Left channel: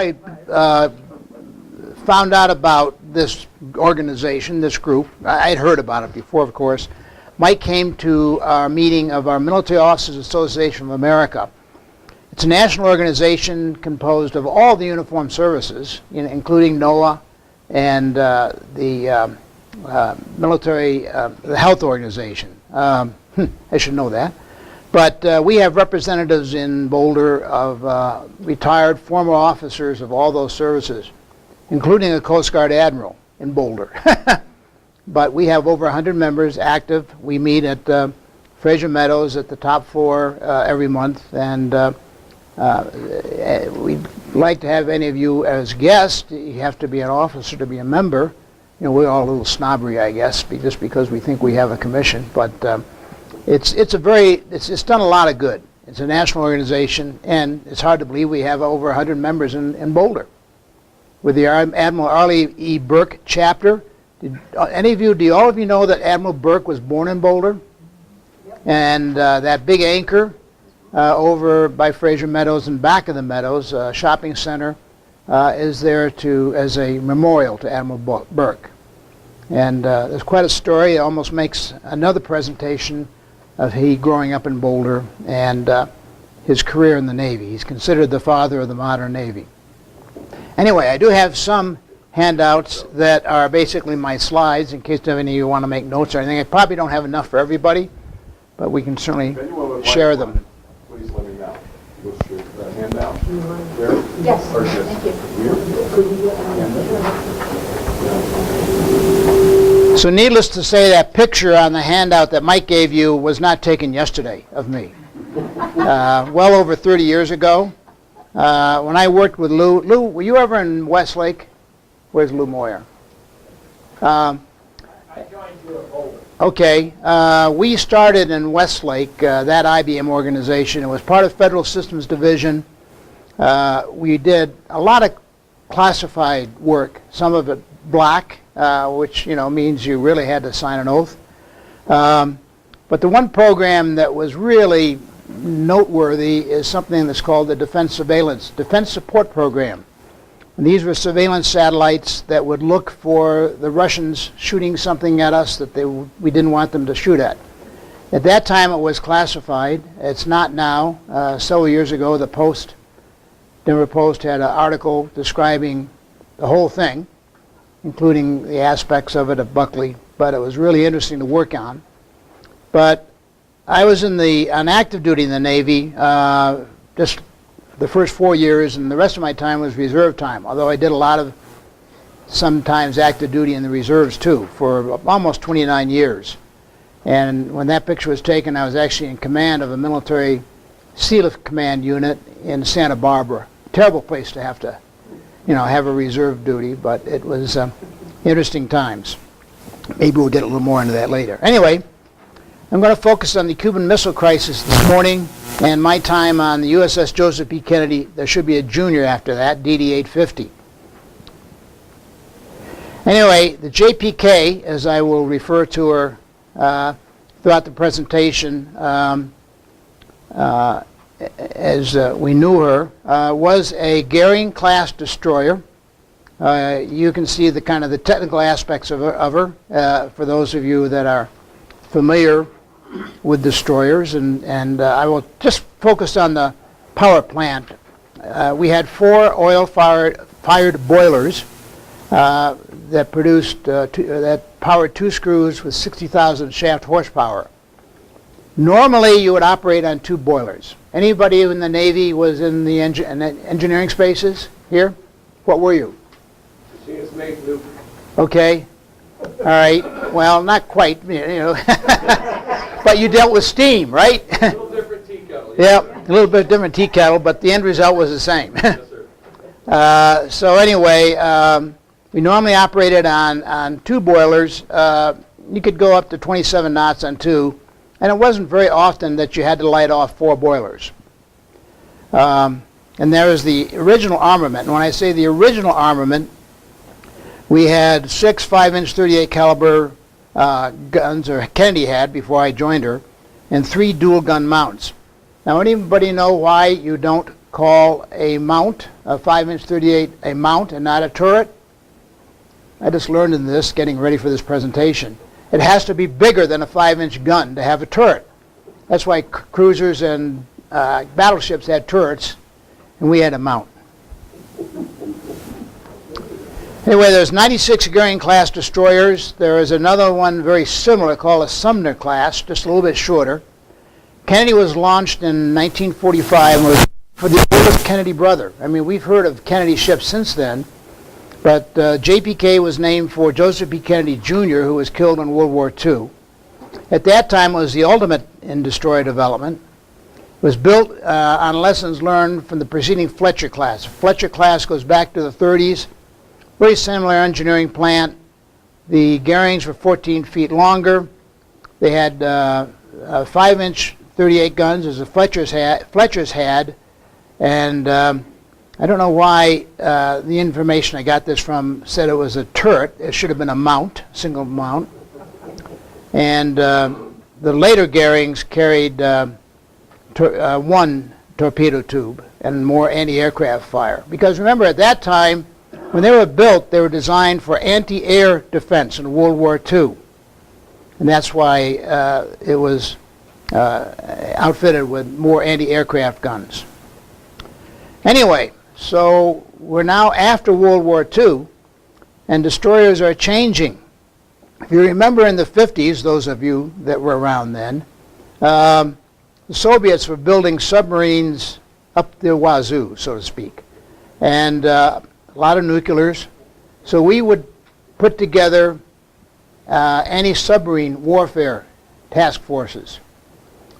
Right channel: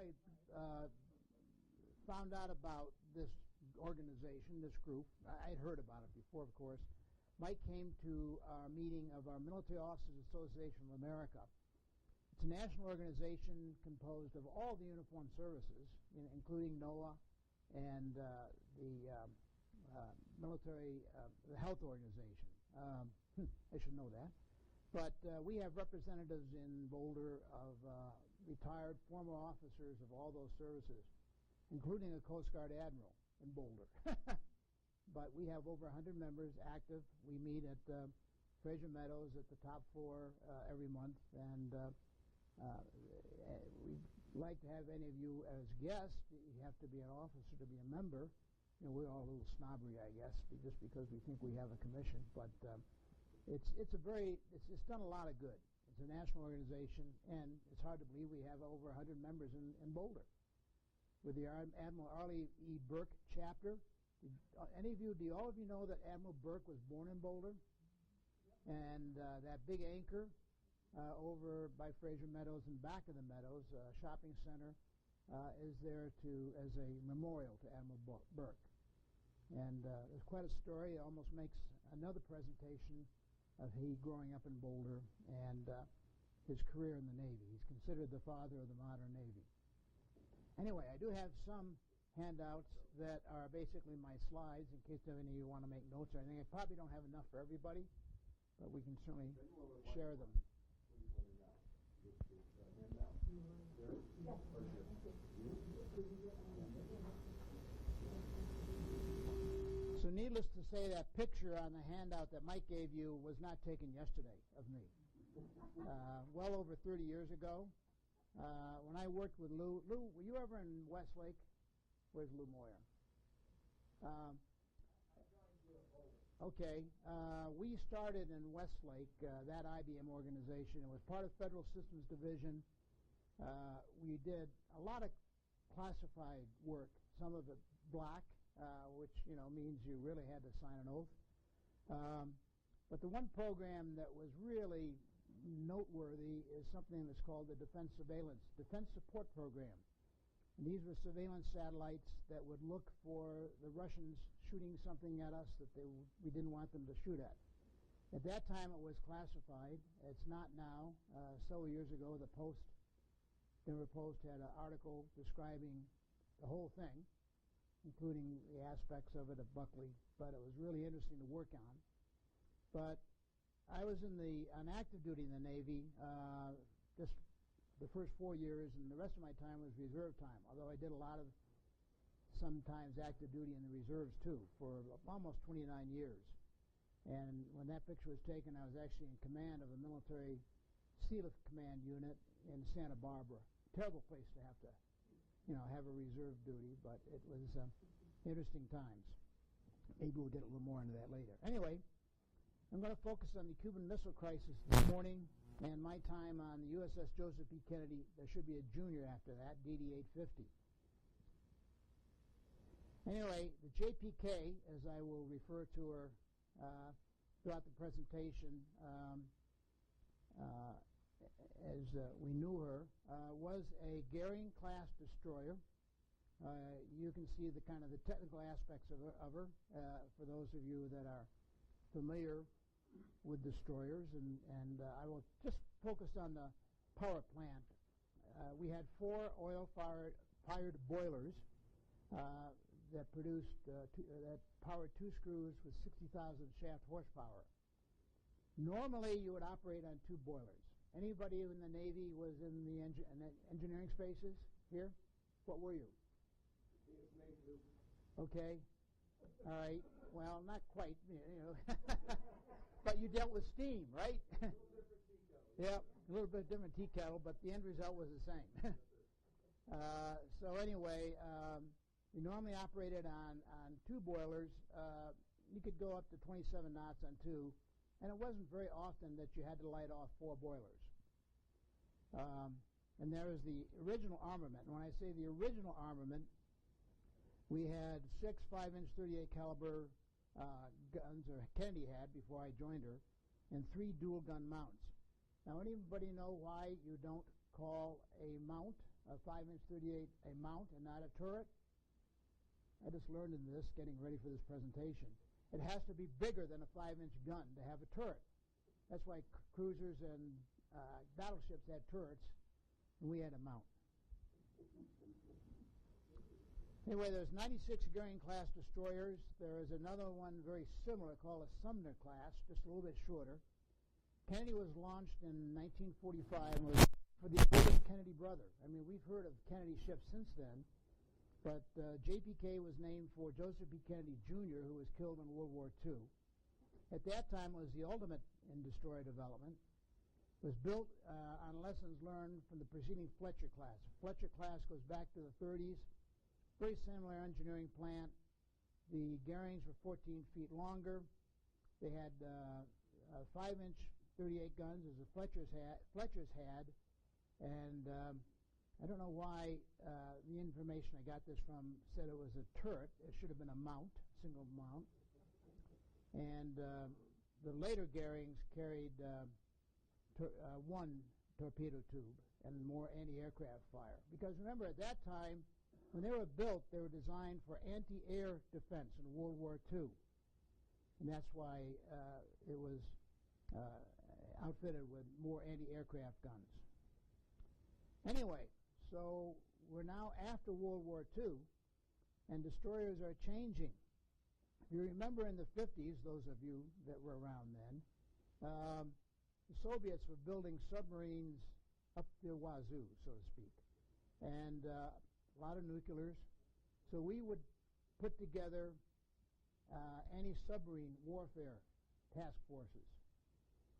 I found out about this organization, this group, I'd heard about it before, of course. Mike came to our meeting of our Military Officers Association of America. It's a national organization composed of all the uniformed services, including NOAA and the military, the health organization. I should know that. But we have representatives in Boulder of retired former officers of all those services, including a Coast Guard admiral in Boulder. But we have over 100 members active. We meet at Fraser Meadows at the top floor every month, and we'd like to have any of you as guests. You have to be an officer to be a member. You know, we're all a little snobbery, I guess, just because we think we have a commission. But it's done a lot of good. It's a national organization, and it's hard to believe we have over 100 members in Boulder. With the Admiral Arleigh E. Burke chapter. Do all of you know that Admiral Burke was born in Boulder? Yep. And that big anchor over by Fraser Meadows and back of the Meadows, shopping center, is there as a memorial to Admiral Burke. And there's quite a story. It almost makes another presentation of he growing up in Boulder and his career in the Navy. He's considered the father of the modern Navy. Anyway, I do have some handouts that are basically my slides in case any of you want to make notes or anything. I probably don't have enough for everybody, but we can certainly share them. Please let me know. What's your handout? There? Yes, thank you. So needless to say, that picture on the handout that Mike gave you was not taken yesterday of me. Well over 30 years ago. When I worked with Lou, were you ever in Westlake? Where's Lou Moyer? I joined you at Boulder. Okay. We started in Westlake, that IBM organization. It was part of Federal Systems Division. We did a lot of classified work, some of it black, which means you really had to sign an oath. But the one program that was really noteworthy is something that's called the Defense Support Program. And these were surveillance satellites that would look for the Russians shooting something at us that we didn't want them to shoot at. At that time it was classified. It's not now. Several years ago the Denver Post had an article describing the whole thing, including the aspects of it of Buckley, but it was really interesting to work on. But I was on active duty in the Navy just the first 4 years, and the rest of my time was reserve time, although I did a lot of sometimes active duty in the reserves too for almost 29 years. And when that picture was taken, I was actually in command of a military Sealift Command unit in Santa Barbara. Terrible place to have a reserve duty, but it was interesting times. Maybe we'll get a little more into that later. Anyway, I'm going to focus on the Cuban Missile Crisis this morning and my time on the USS Joseph P. Kennedy. There should be a junior after that, DD-850. Anyway, the JPK, as I will refer to her throughout the presentation, as we knew her, was a Goering-class destroyer. You can see the kind of the technical aspects of her for those of you that are familiar with destroyers, and I will just focus on the power plant. We had 4 oil-fired boilers that produced that powered 2 screws with 60,000 shaft horsepower. Normally, you would operate on 2 boilers. Anybody in the Navy was in the engineering spaces here? What were you? Newport. Okay. All right. Well, not quite, but you dealt with steam, right? A little different tea kettle. Yep, a little bit different tea kettle, but the end result was the same. Yes, sir. So anyway, we normally operated on 2 boilers. You could go up to 27 knots on 2, and it wasn't very often that you had to light off 4 boilers. And there is the original armament. And when I say the original armament, we had 6 5-inch 38 caliber guns, or Kennedy had before I joined her, and 3 dual gun mounts. Now, anybody know why you don't call a mount, a 5-inch 38, a mount and not a turret? I just learned in this, getting ready for this presentation. It has to be bigger than a 5-inch gun to have a turret. That's why cruisers and battleships had turrets, and we had a mount. Anyway, there's 96 Goering-class destroyers. There is another one very similar called a Sumner class, just a little bit shorter. Kennedy was launched in 1945 and was for the oldest Kennedy brother. I mean, we've heard of Kennedy ships since then, but JPK was named for Joseph P. Kennedy Jr., who was killed in World War II. At that time, it was the ultimate in destroyer development. It was built on lessons learned from the preceding Fletcher class. Fletcher class goes back to the 30s. Very similar engineering plant. The Goerings were 14 feet longer. They had 5-inch 38 guns, as the Fletchers had. And I don't know why the information I got this from said it was a turret. It should have been a mount, single mount. And the later Goerings carried one torpedo tube and more anti-aircraft fire. Because remember, at that time, when they were built, they were designed for anti-air defense in World War II. And that's why it was outfitted with more anti-aircraft guns. Anyway, so we're now after World War II, and destroyers are changing. If you remember in the 50s, those of you that were around then, the Soviets were building submarines up the wazoo, so to speak. And a lot of nuclears. So we would put together anti-submarine warfare task forces.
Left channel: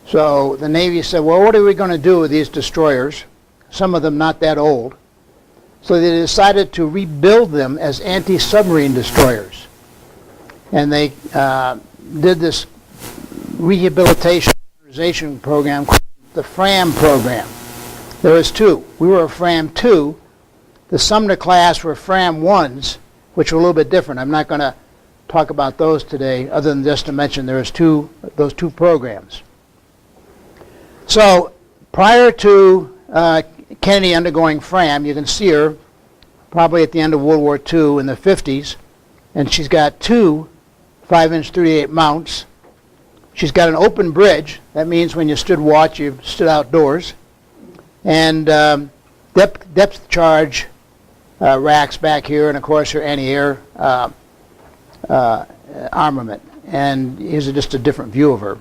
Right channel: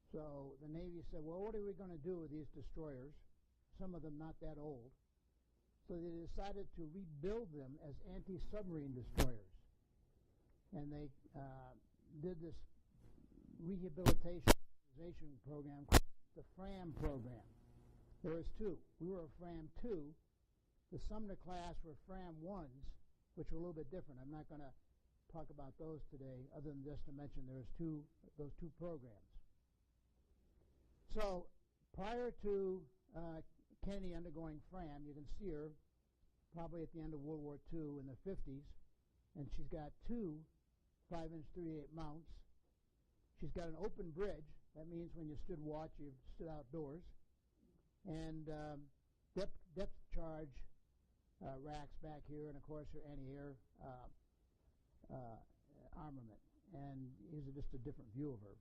So the Navy said, well, what are we going to do with these destroyers? Some of them not that old. So they decided to rebuild them as anti-submarine destroyers. And they did this rehabilitation program called the FRAM program. There was two. We were a FRAM 2. The Sumner class were FRAM 1s, which were a little bit different. I'm not going to talk about those today, other than just to mention those two programs. So prior to Kennedy undergoing FRAM, you can see her probably at the end of World War II in the 50s, and she's got two 5-inch 38 mounts. She's got an open bridge. That means when you stood watch, you stood outdoors. And depth charge racks back here, and of course her anti-air armament. And here's just a different view of her.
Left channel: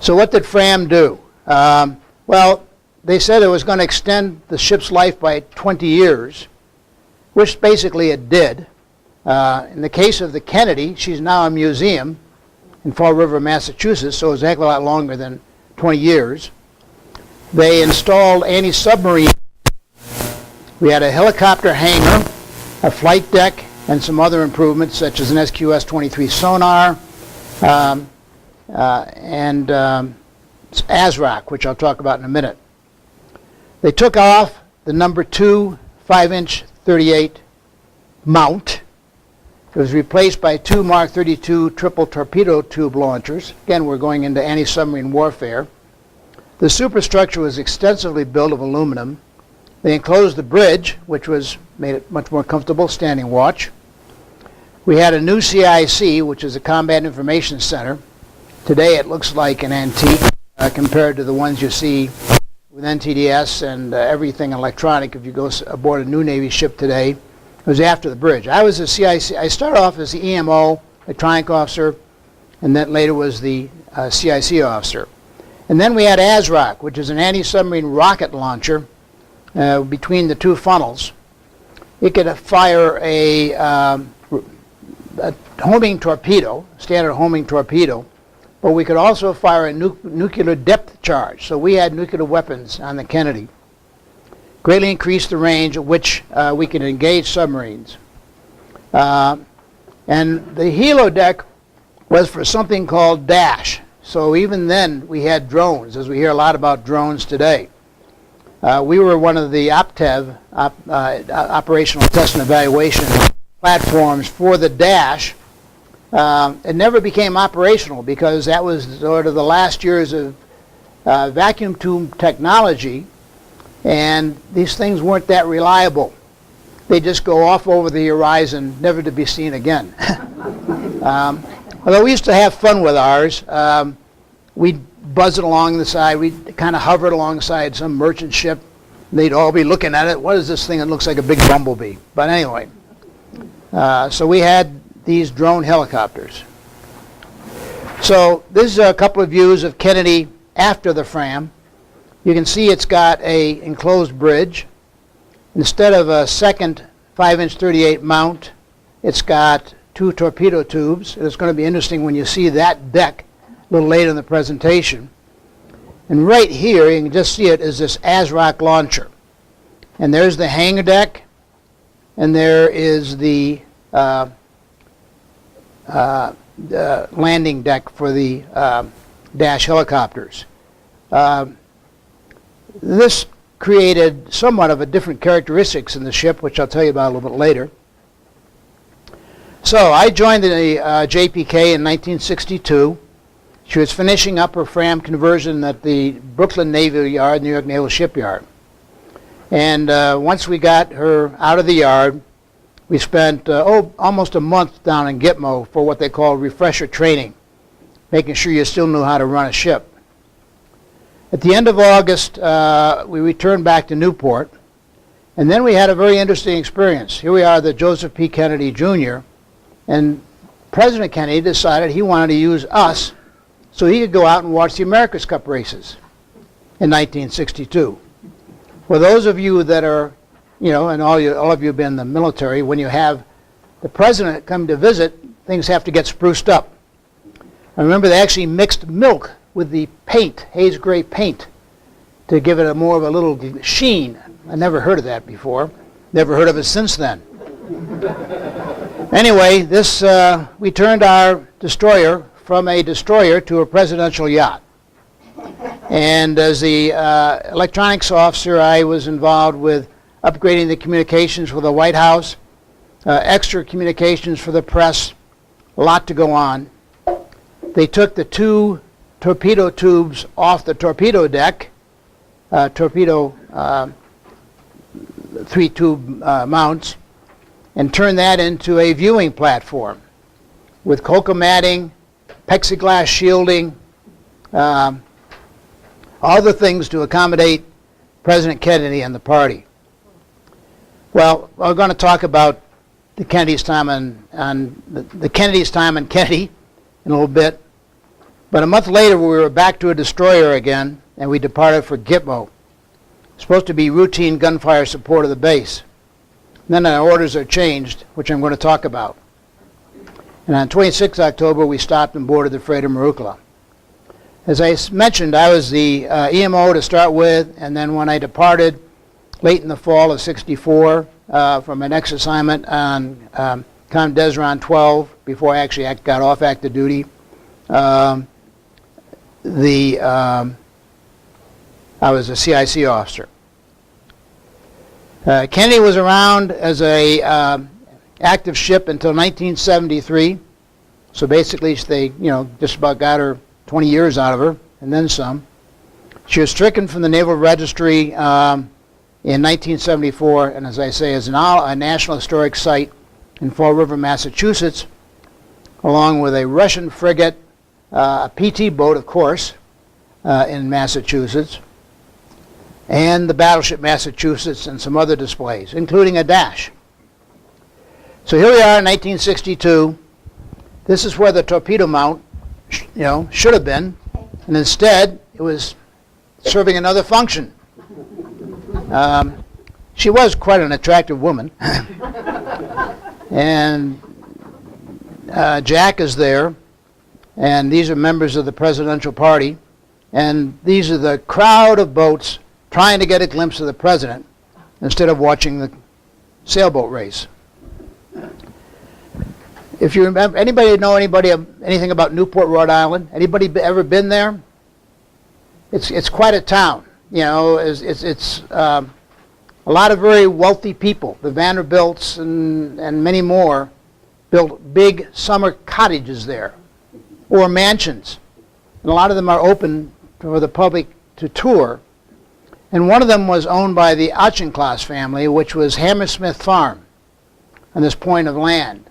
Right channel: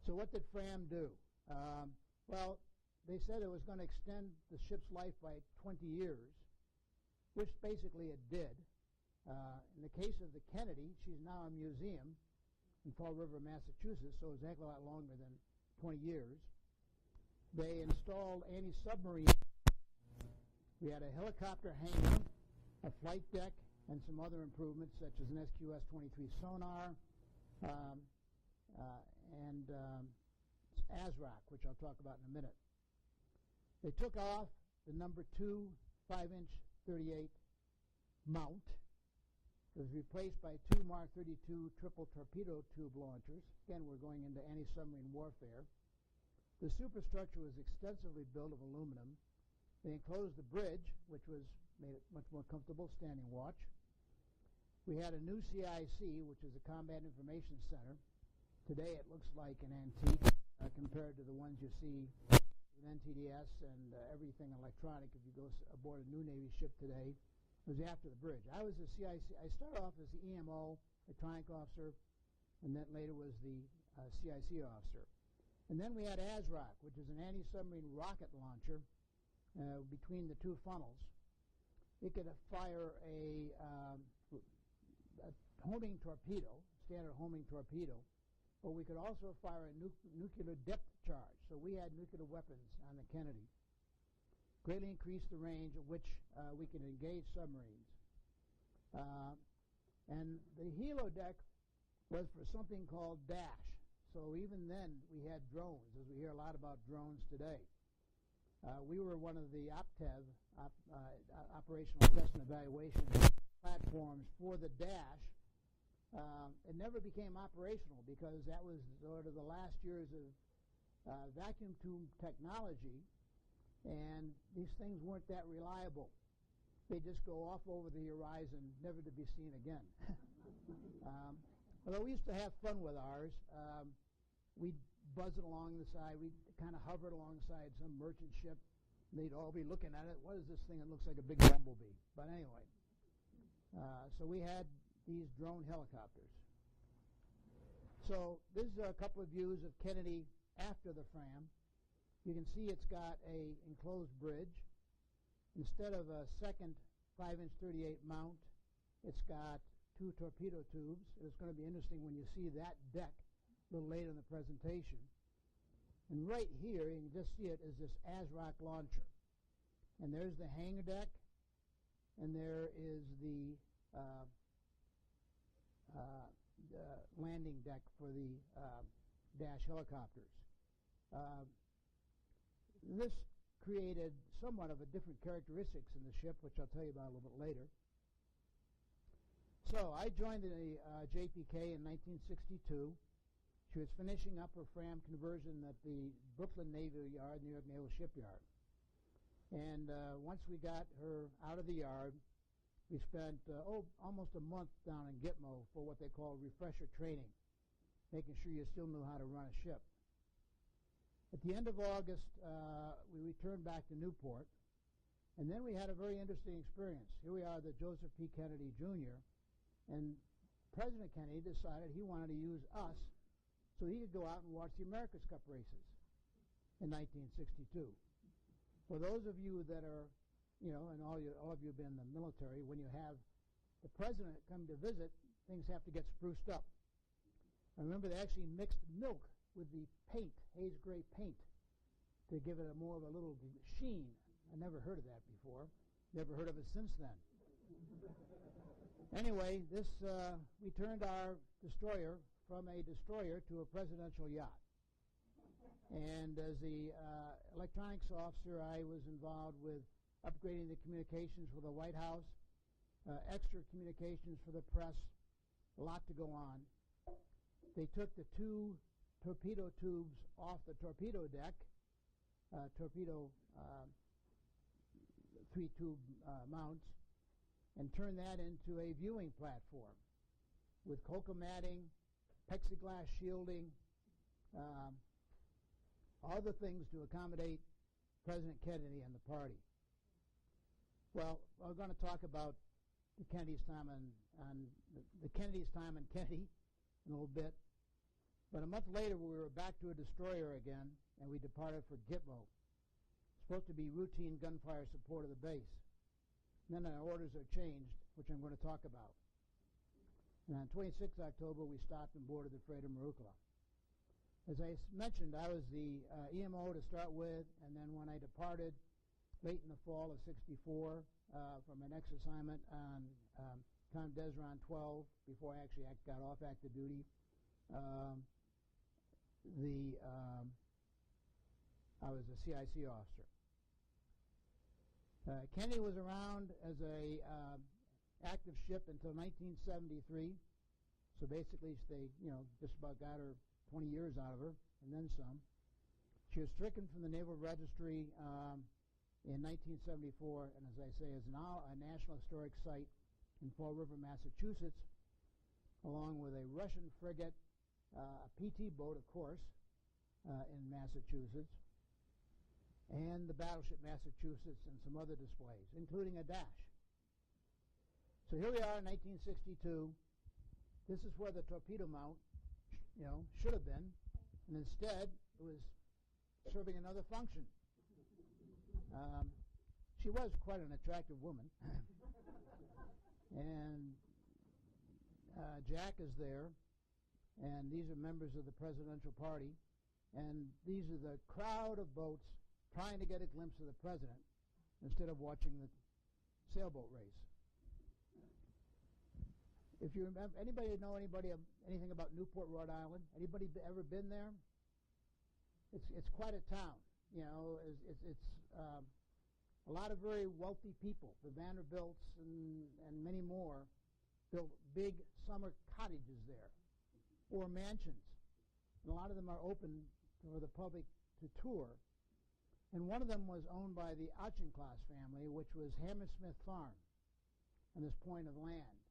So what did FRAM do? Well, they said it was going to extend the ship's life by 20 years, which basically it did. In the case of the Kennedy, she's now a museum in Fall River, Massachusetts, so it was a heck of a lot longer than 20 years. They installed anti-submarine. We had a helicopter hangar, a flight deck, and some other improvements such as an SQS-23 sonar and ASROC, which I'll talk about in a minute. They took off the number 2 5-inch 38 mount. It was replaced by 2 Mark 32 triple torpedo tube launchers. Again, we're going into anti-submarine warfare. The superstructure was extensively built of aluminum. They enclosed the bridge, which made it much more comfortable, standing watch. We had a new CIC, which is a Combat Information Center. Today it looks like an antique compared to the ones you see with NTDS and everything electronic. If you go aboard a new Navy ship today, it was after the bridge. I was a CIC. I started off as the EMO, electronic officer, and then later was the CIC officer. And then we had ASROC, which is an anti-submarine rocket launcher between the two funnels. It could fire a homing torpedo, standard homing torpedo, but we could also fire a nuclear depth charge. So we had nuclear weapons on the Kennedy. Greatly increased the range at which we could engage submarines. And the helo deck was for something called DASH. So even then we had drones, as we hear a lot about drones today. We were one of the OPTEV, Operational Test and Evaluation platforms for the DASH. It never became operational because that was sort of the last years of vacuum tube technology, and these things weren't that reliable. They just go off over the horizon, never to be seen again. Although we used to have fun with ours, we'd buzz it along the side, we'd kind of hover it alongside some merchant ship. They'd all be looking at it. What is this thing that looks like a big bumblebee? But anyway, so we had these drone helicopters. So this is a couple of views of Kennedy after the Fram. You can see it's got a enclosed bridge. Instead of a second 5-inch 38 mount, it's got 2 torpedo tubes. It's going to be interesting when you see that deck a little later in the presentation. And right here, you can just see it, is this ASROC launcher. And there's the hangar deck, and there is the landing deck for the Dash helicopters. This created somewhat of a different characteristics in the ship, which I'll tell you about a little bit later. So I joined the JPK in 1962. She was finishing up her Fram conversion at the Brooklyn Naval Yard, New York Naval Shipyard. And once we got her out of the yard, we spent almost a month down in Gitmo for what they call refresher training, making sure you still knew how to run a ship. At the end of August, we returned back to Newport, and then we had a very interesting experience. Here we are, the Joseph P. Kennedy Jr., and President Kennedy decided he wanted to use us so he could go out and watch the America's Cup races in 1962. For those of you that are, you know, and all of you have been in the military, when you have the president come to visit, things have to get spruced up. I remember they actually mixed milk with the paint, haze gray paint, to give it a more of a little sheen. I never heard of that before. Never heard of it since then. Anyway, this we turned our destroyer from a destroyer to a presidential yacht. And as the electronics officer, I was involved with upgrading the communications for the White House, extra communications for the press, a lot to go on. They took the 2 torpedo tubes off the torpedo deck, torpedo 3-tube mounts, and turned that into a viewing platform with cocoa matting, plexiglass shielding, all the things to accommodate President Kennedy and the party. Well, we're going to talk about the Kennedy's time and the Kennedy's time and Kennedy in a little bit. But a month later, we were back to a destroyer again, and we departed for Gitmo. Supposed to be routine gunfire support of the base. And then our orders are changed, which I'm going to talk about. And on 26 October, we stopped and boarded the freighter Marukla. As I mentioned, I was the EMO to start with, and then when I departed late in the fall of '64 from my next assignment on Com Desron 12, before I actually got off active duty, I was a CIC officer. Kennedy was around as a active ship until 1973. So basically, they, just about got her 20 years out of her, and then some. She was stricken from the Naval Registry in 1974, and as I say, is now a National Historic Site in Fall River, Massachusetts, along with a Russian frigate, a PT boat, of course, in Massachusetts, and the battleship Massachusetts and some other displays, including a Dash. So here we are in 1962. This is where the torpedo mount, should have been, and instead it was serving another function. She was quite an attractive woman, and Jack is there, and these are members of the presidential party, and these are the crowd of boats trying to get a glimpse of the president instead of watching the sailboat race. If you remember, anybody know anything about Newport, Rhode Island? Anybody ever been there? It's quite a town. It's a lot of very wealthy people. The Vanderbilts and many more built big summer cottages there, or mansions, and a lot of them are open for the public to tour, and one of them was owned by the Auchincloss family, which was Hammersmith Farm on this point of land.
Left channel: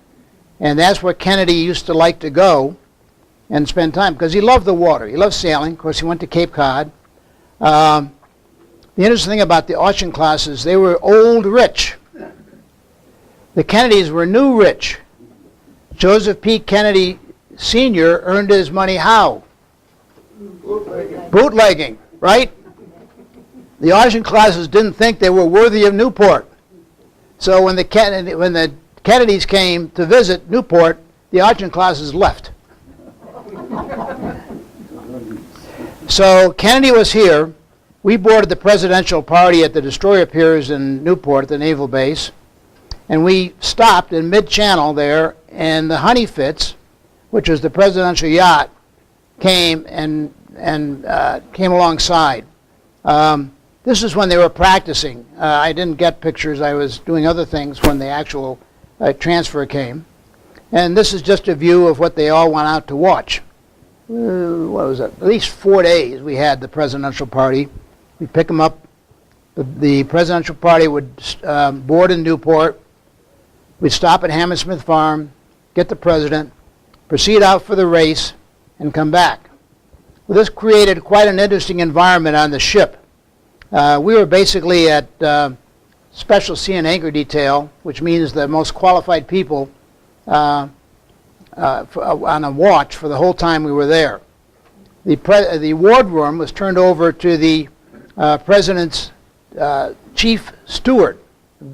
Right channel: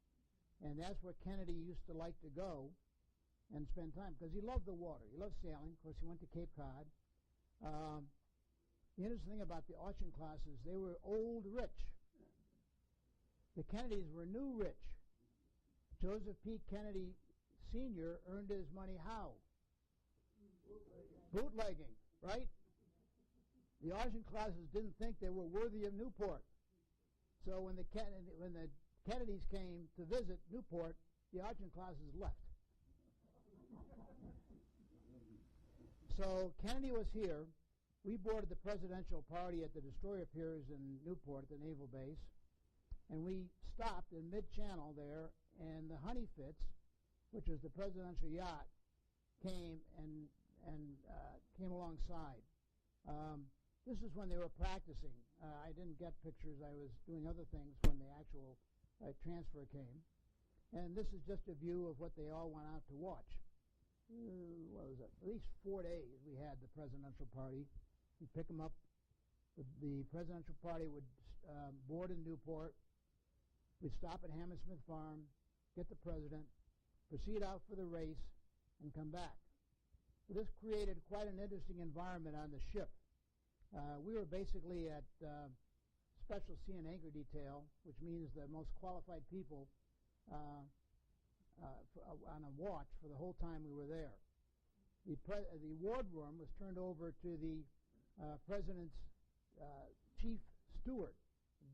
And that's where Kennedy used to like to go and spend time, because he loved the water. He loved sailing. Of course, he went to Cape Cod. The interesting thing about the Auchinclosses, they were old rich. The Kennedys were new rich. Joseph P. Kennedy Sr. earned his money how? Bootlegging, right? The Auchinclosses didn't think they were worthy of Newport. So when the Kennedys came to visit Newport, the Auchinclosses left. So Kennedy was here. We boarded the presidential party at the destroyer piers in Newport, the naval base, and we stopped in mid-channel there, and the Honey Fitz, which was the presidential yacht, came and came alongside. This is when they were practicing. I didn't get pictures. I was doing other things when the actual transfer came. And this is just a view of what they all went out to watch. What was it? At least 4 days we had the presidential party. We'd pick them up. The presidential party would board in Newport. We'd stop at Hammersmith Farm, get the president, proceed out for the race, and come back. Well, this created quite an interesting environment on the ship. We were basically at Special Sea and Anchor Detail, which means the most qualified people on a watch for the whole time we were there. The wardroom was turned over to the president's chief steward,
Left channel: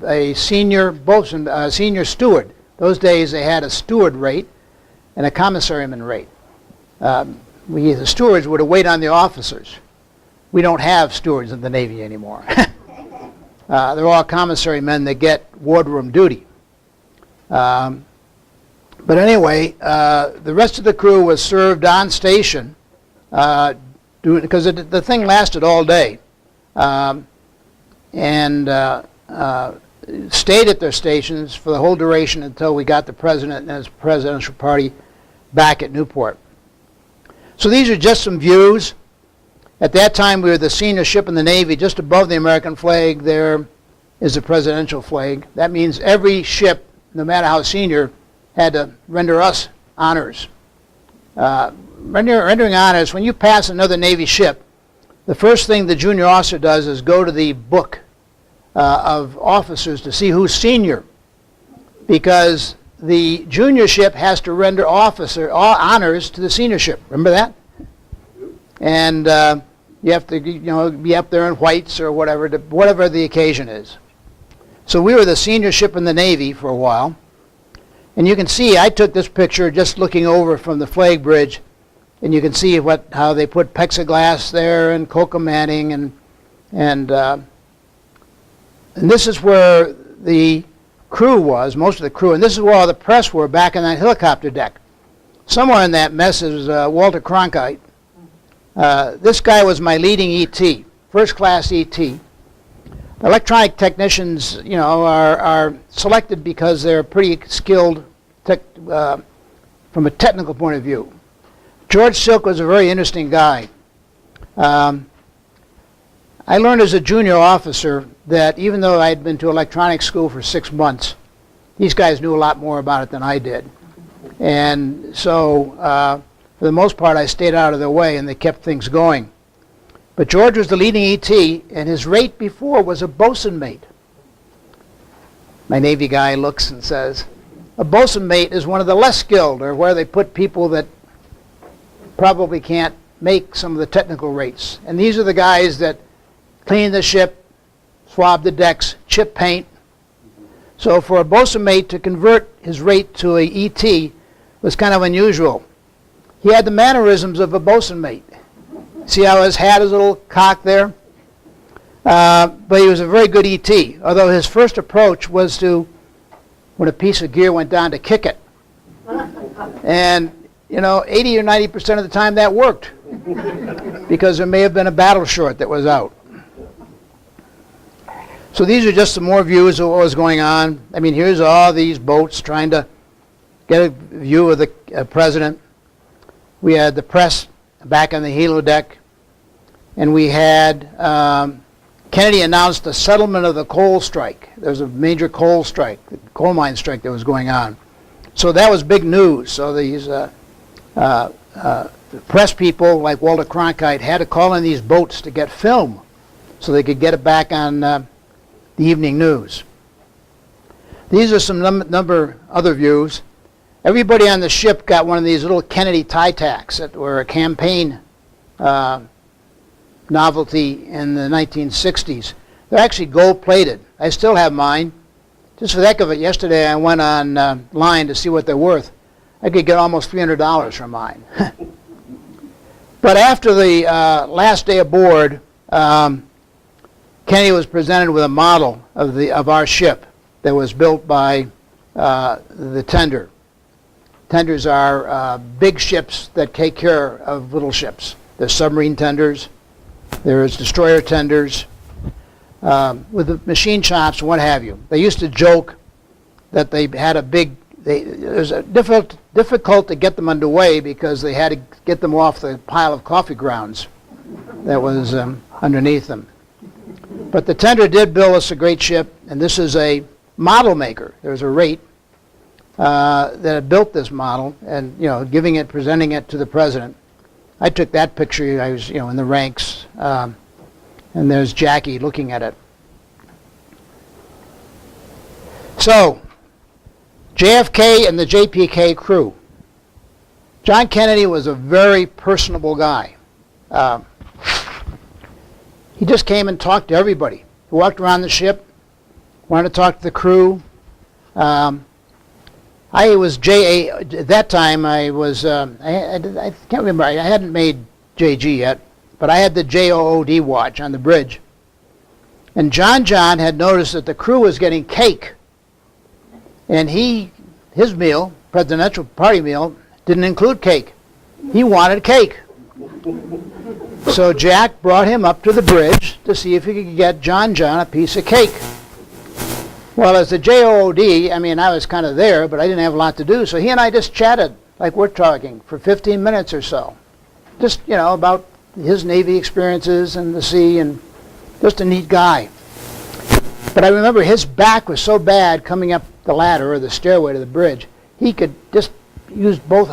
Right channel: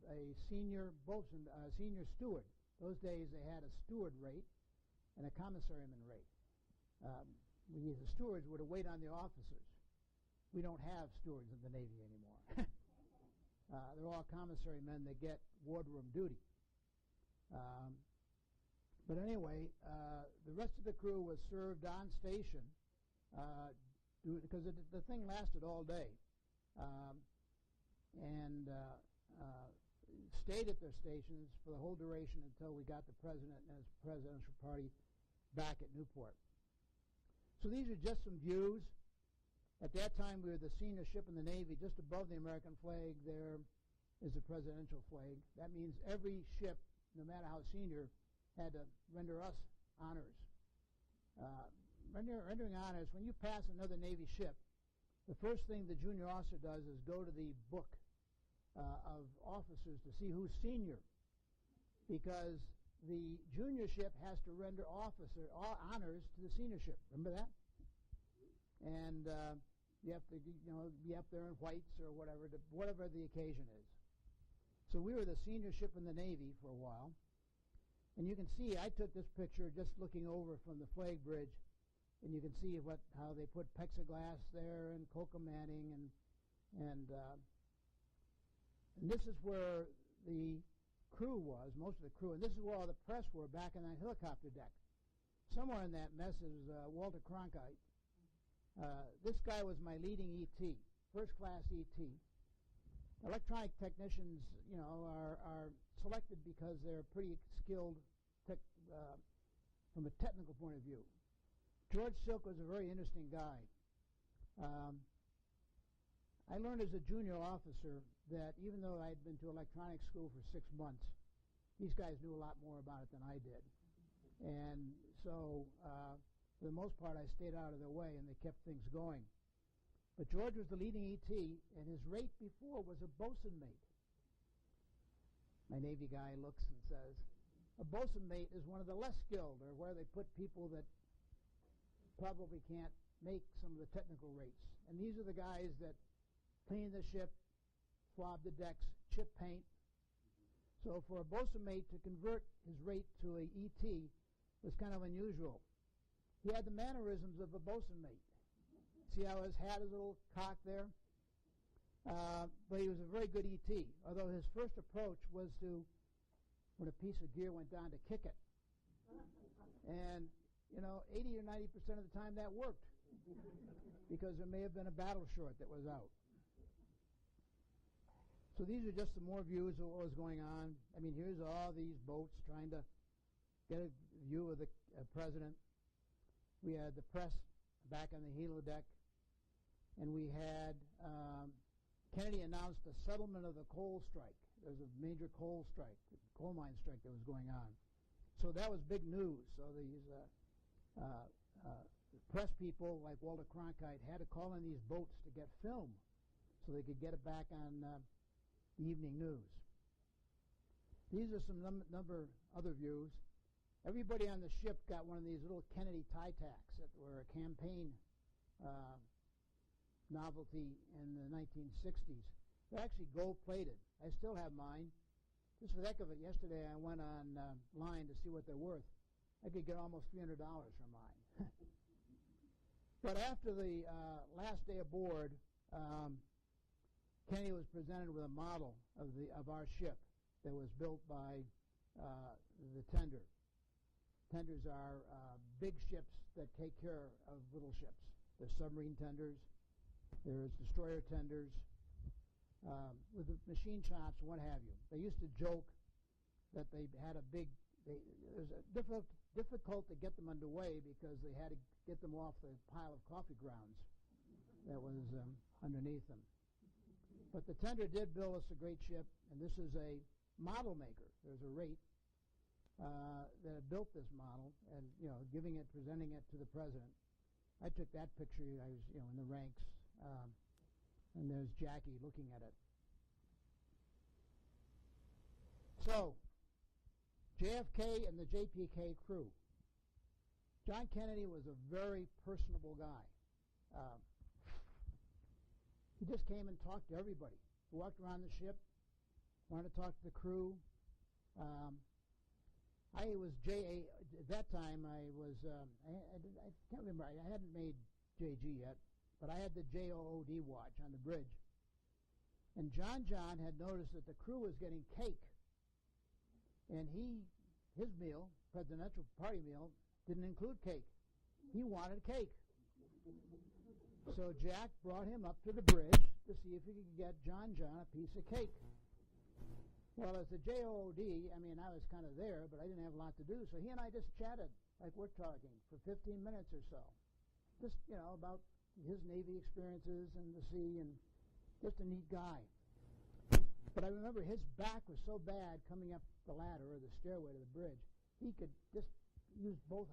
a senior boatswain, senior steward. Those days they had a steward rate and a commissariman rate. The stewards would wait on the officers. We don't have stewards in the Navy anymore. They're all commissary men that get wardroom duty. But anyway, the rest of the crew was served on station because the thing lasted all day, and stayed at their stations for the whole duration until we got the president and his presidential party back at Newport. So these are just some views. At that time, we were the senior ship in the Navy. Just above the American flag there is the presidential flag. That means every ship, no matter how senior, had to render us honors. Rendering honors, when you pass another Navy ship, the first thing the junior officer does is go to the book of officers to see who's senior, because the junior ship has to render honors to the senior ship. Remember that? And you have to, be up there in whites or whatever the occasion is. So we were the senior ship in the Navy for a while. And you can see, I took this picture just looking over from the flag bridge, and you can see how they put plexiglass there and coca manning, and this is where the crew was, most of the crew, and this is where all the press were back on that helicopter deck. Somewhere in that mess is Walter Cronkite. This guy was my leading ET, first class ET. Electronic technicians, are selected because they're pretty skilled from a technical point of view. George Silk was a very interesting guy. I learned as a junior officer that even though I had been to electronics school for 6 months, these guys knew a lot more about it than I did. And so, for the most part, I stayed out of their way and they kept things going. But George was the leading ET, and his rate before was a bosun mate. My Navy guy looks and says, a bosun mate is one of the less skilled, or where they put people that probably can't make some of the technical rates. And these are the guys that clean the ship, swab the decks, chip paint. So for a bosun mate to convert his rate to a ET was kind of unusual. He had the mannerisms of a bosun mate. See how his hat is a little cocked there? But he was a very good ET, although his first approach was to, when a piece of gear went down, to kick it. And 80 or 90% of the time that worked, because there may have been a battle short that was out. So these are just some more views of what was going on. I mean, here's all these boats trying to get a view of the president. We had the press back on the helo deck. and we had Kennedy announced the settlement of the coal strike. There was a major coal strike, coal mine strike that was going on. So that was big news. So these press people like Walter Cronkite had to call in these boats to get film so they could get it back on the evening news. These are some number other views. Everybody on the ship got one of these little Kennedy tie tacks that were a campaign novelty in the 1960s. They're actually gold-plated. I still have mine. Just for the heck of it, yesterday I went online to see what they're worth. I could get almost $300 for mine. But after the last day aboard, Kennedy was presented with a model of our ship that was built by the tender. Tenders are big ships that take care of little ships. There's submarine tenders. There's destroyer tenders. With the machine shops and what have you. They used to joke that they had a big, it was difficult to get them underway because they had to get them off the pile of coffee grounds that was underneath them. But the tender did build us a great ship, and this is a model maker. There's a rate that had built this model, and presenting it to the president. I took that picture. I was in the ranks, and there's Jackie looking at it. So, JFK and the JPK crew. John Kennedy was a very personable guy. He just came and talked to everybody. He walked around the ship, wanted to talk to the crew. I was JA, at that time I was, I can't remember, I hadn't made JG yet, but I had the JOOD watch on the bridge. And John had noticed that the crew was getting cake. And his meal, presidential party meal, didn't include cake. He wanted cake. So Jack brought him up to the bridge to see if he could get John a piece of cake. Well, as the JOOD, I was kind of there, but I didn't have a lot to do, so he and I just chatted like we're talking for 15 minutes or so. Just, about his Navy experiences and the sea, and just a neat guy. But I remember his back was so bad coming up the ladder or the stairway to the bridge, he could just use both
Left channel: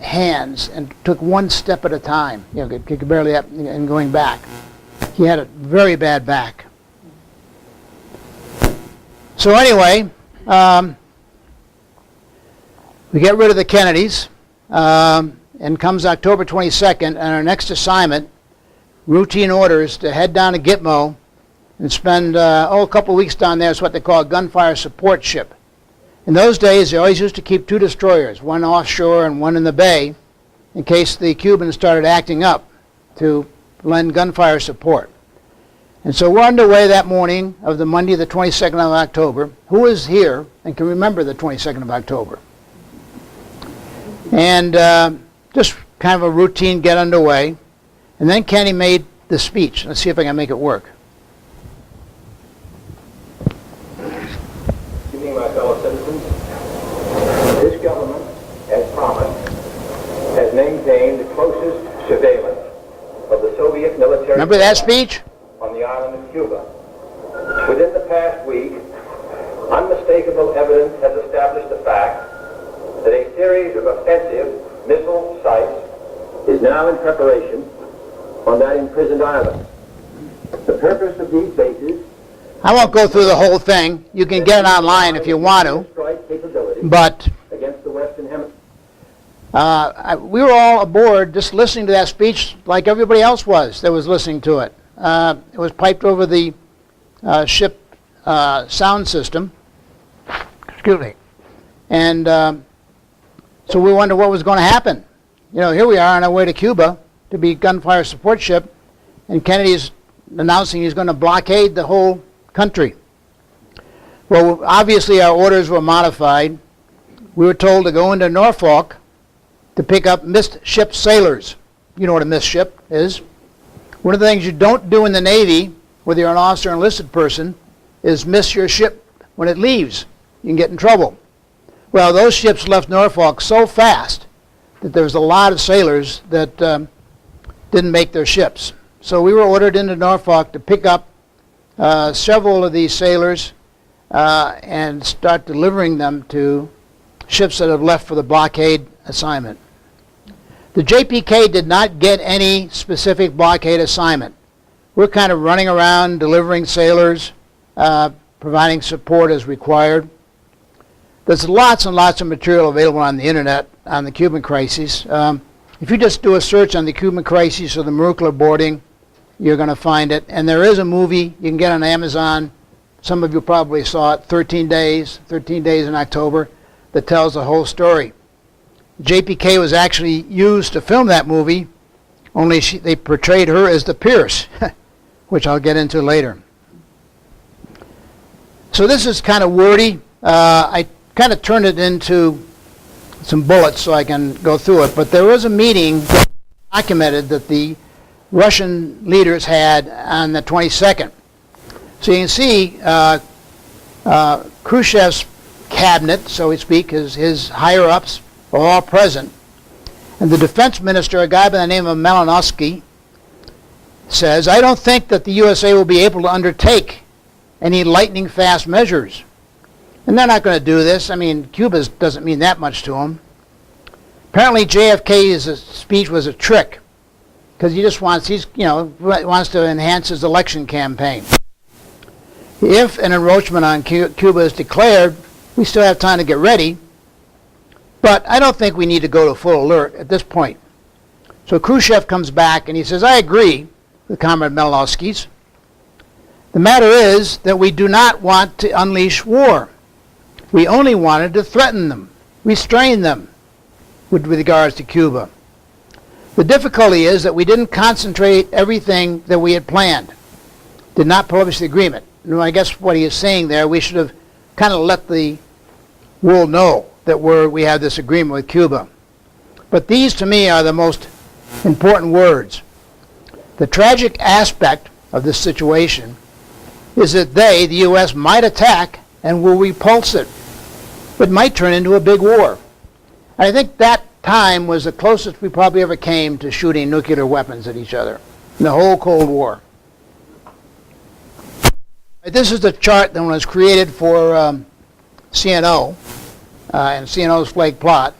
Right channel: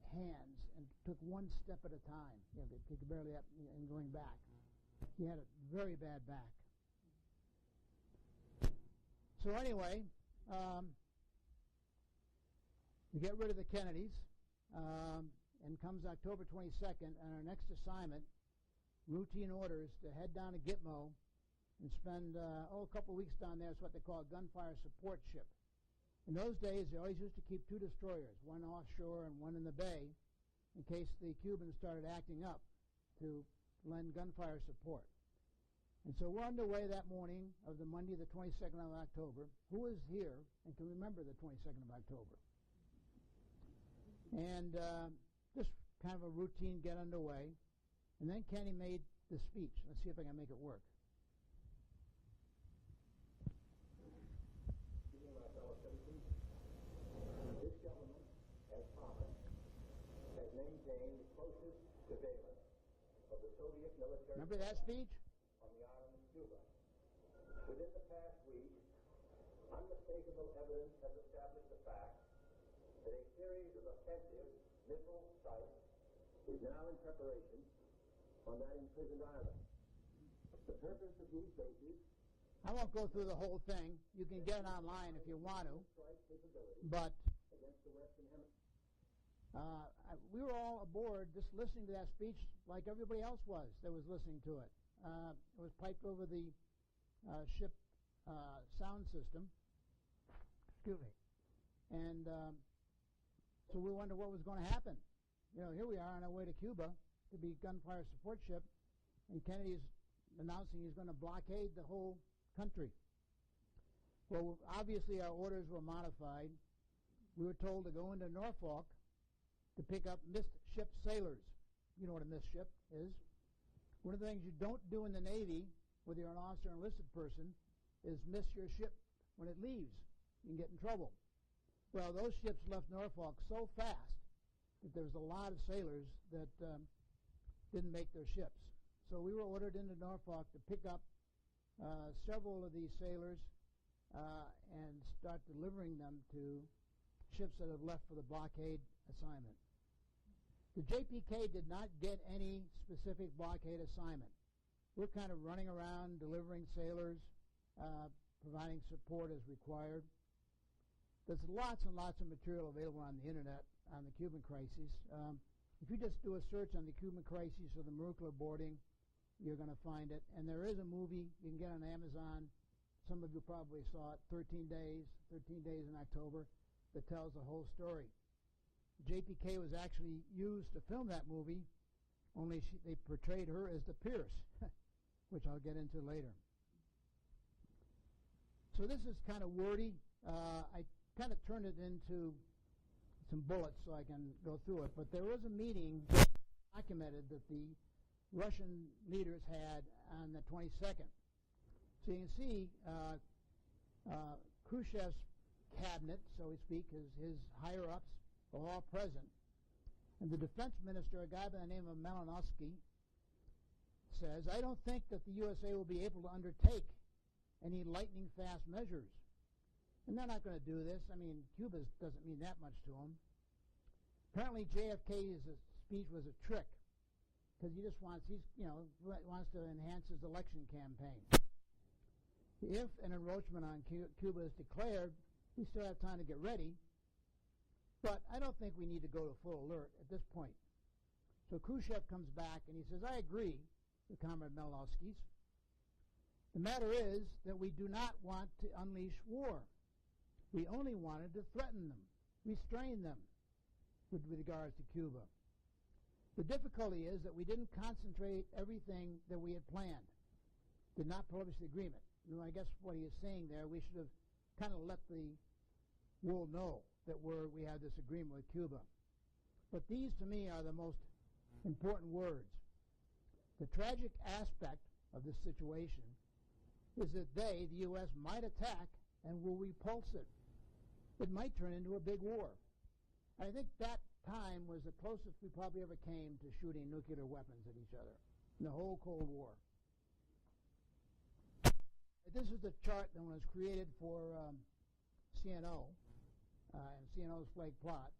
hands and took one step at a time. He could barely up and going back. He had a very bad back. So anyway, we get rid of the Kennedys, and comes October 22nd, and our next assignment, routine orders to head down to Gitmo and spend a couple of weeks down there. It's what they call a gunfire support ship. In those days, they always used to keep two destroyers, one offshore and one in the bay, in case the Cubans started acting up to lend gunfire support. And so we're underway that morning of the Monday, the 22nd of October. Who is here and can remember the 22nd of October? And just kind of a routine get underway. And then Kenny made the speech. Let's see if I can make it work. Good evening, my fellow citizens. This government, as promised, has maintained the closest surveillance of the Soviet military. Remember that speech? On the island of Cuba. Within the past week, unmistakable evidence has established the fact that a series of offensive missile sites is now in preparation on that imprisoned island. The purpose of these bases... I won't go through the whole thing. You can get it online if you want to. But against the Western Hemisphere. We were all aboard just listening to that speech like everybody else was that was listening to it. It was piped over the ship sound system. Excuse me. And so we wondered what was going to happen. Here we are on our way to Cuba to be gunfire support ship, and Kennedy's announcing he's going to blockade the whole country. Well, obviously our orders were modified. We were told to go into Norfolk to pick up missed ship sailors. You know what a missed ship is. One of the things you don't do in the Navy, whether you're an officer or enlisted person, is miss your ship when it leaves. You can get in trouble. Well, those ships left Norfolk so fast that there was a lot of sailors that didn't make their ships. So we were ordered into Norfolk to pick up several of these sailors and start delivering them to ships that have left for the blockade assignment. The JPK did not get any specific blockade assignment. We're kind of running around delivering sailors, providing support as required. There's lots and lots of material available on the internet on the Cuban crisis. If you just do a search on the Cuban crisis or the Maroocla boarding, you're going to find it. And there is a movie you can get on Amazon. Some of you probably saw it, 13 Days in October, that tells the whole story. JPK was actually used to film that movie, only they portrayed her as the Pierce, which I'll get into later. So this is kind of wordy. I kind of turned it into some bullets so I can go through it. But there was a meeting documented that the Russian leaders had on the 22nd. So you can see Khrushchev's cabinet, so to speak, his higher-ups are all present. And the defense minister, a guy by the name of Malinowski, says, I don't think that the USA will be able to undertake any lightning-fast measures. And they're not going to do this. I mean, Cuba doesn't mean that much to them. Apparently JFK's speech was a trick, because he just wants to enhance his election campaign. If an encroachment on Cuba is declared, we still have time to get ready, but I don't think we need to go to full alert at this point. So Khrushchev comes back and he says, I agree with Comrade Malinowski's. The matter is that we do not want to unleash war. We only wanted to threaten them, restrain them with regards to Cuba. The difficulty is that we didn't concentrate everything that we had planned, did not publish the agreement. And I guess what he is saying there, we should have kind of let the world know that we have this agreement with Cuba. But these, to me, are the most important words. The tragic aspect of this situation is that the U.S., might attack and will repulse it. It might turn into a big war. And I think that time was the closest we probably ever came to shooting nuclear weapons at each other in the whole Cold War. This is the chart that was created for CNO and CNO's flag plot.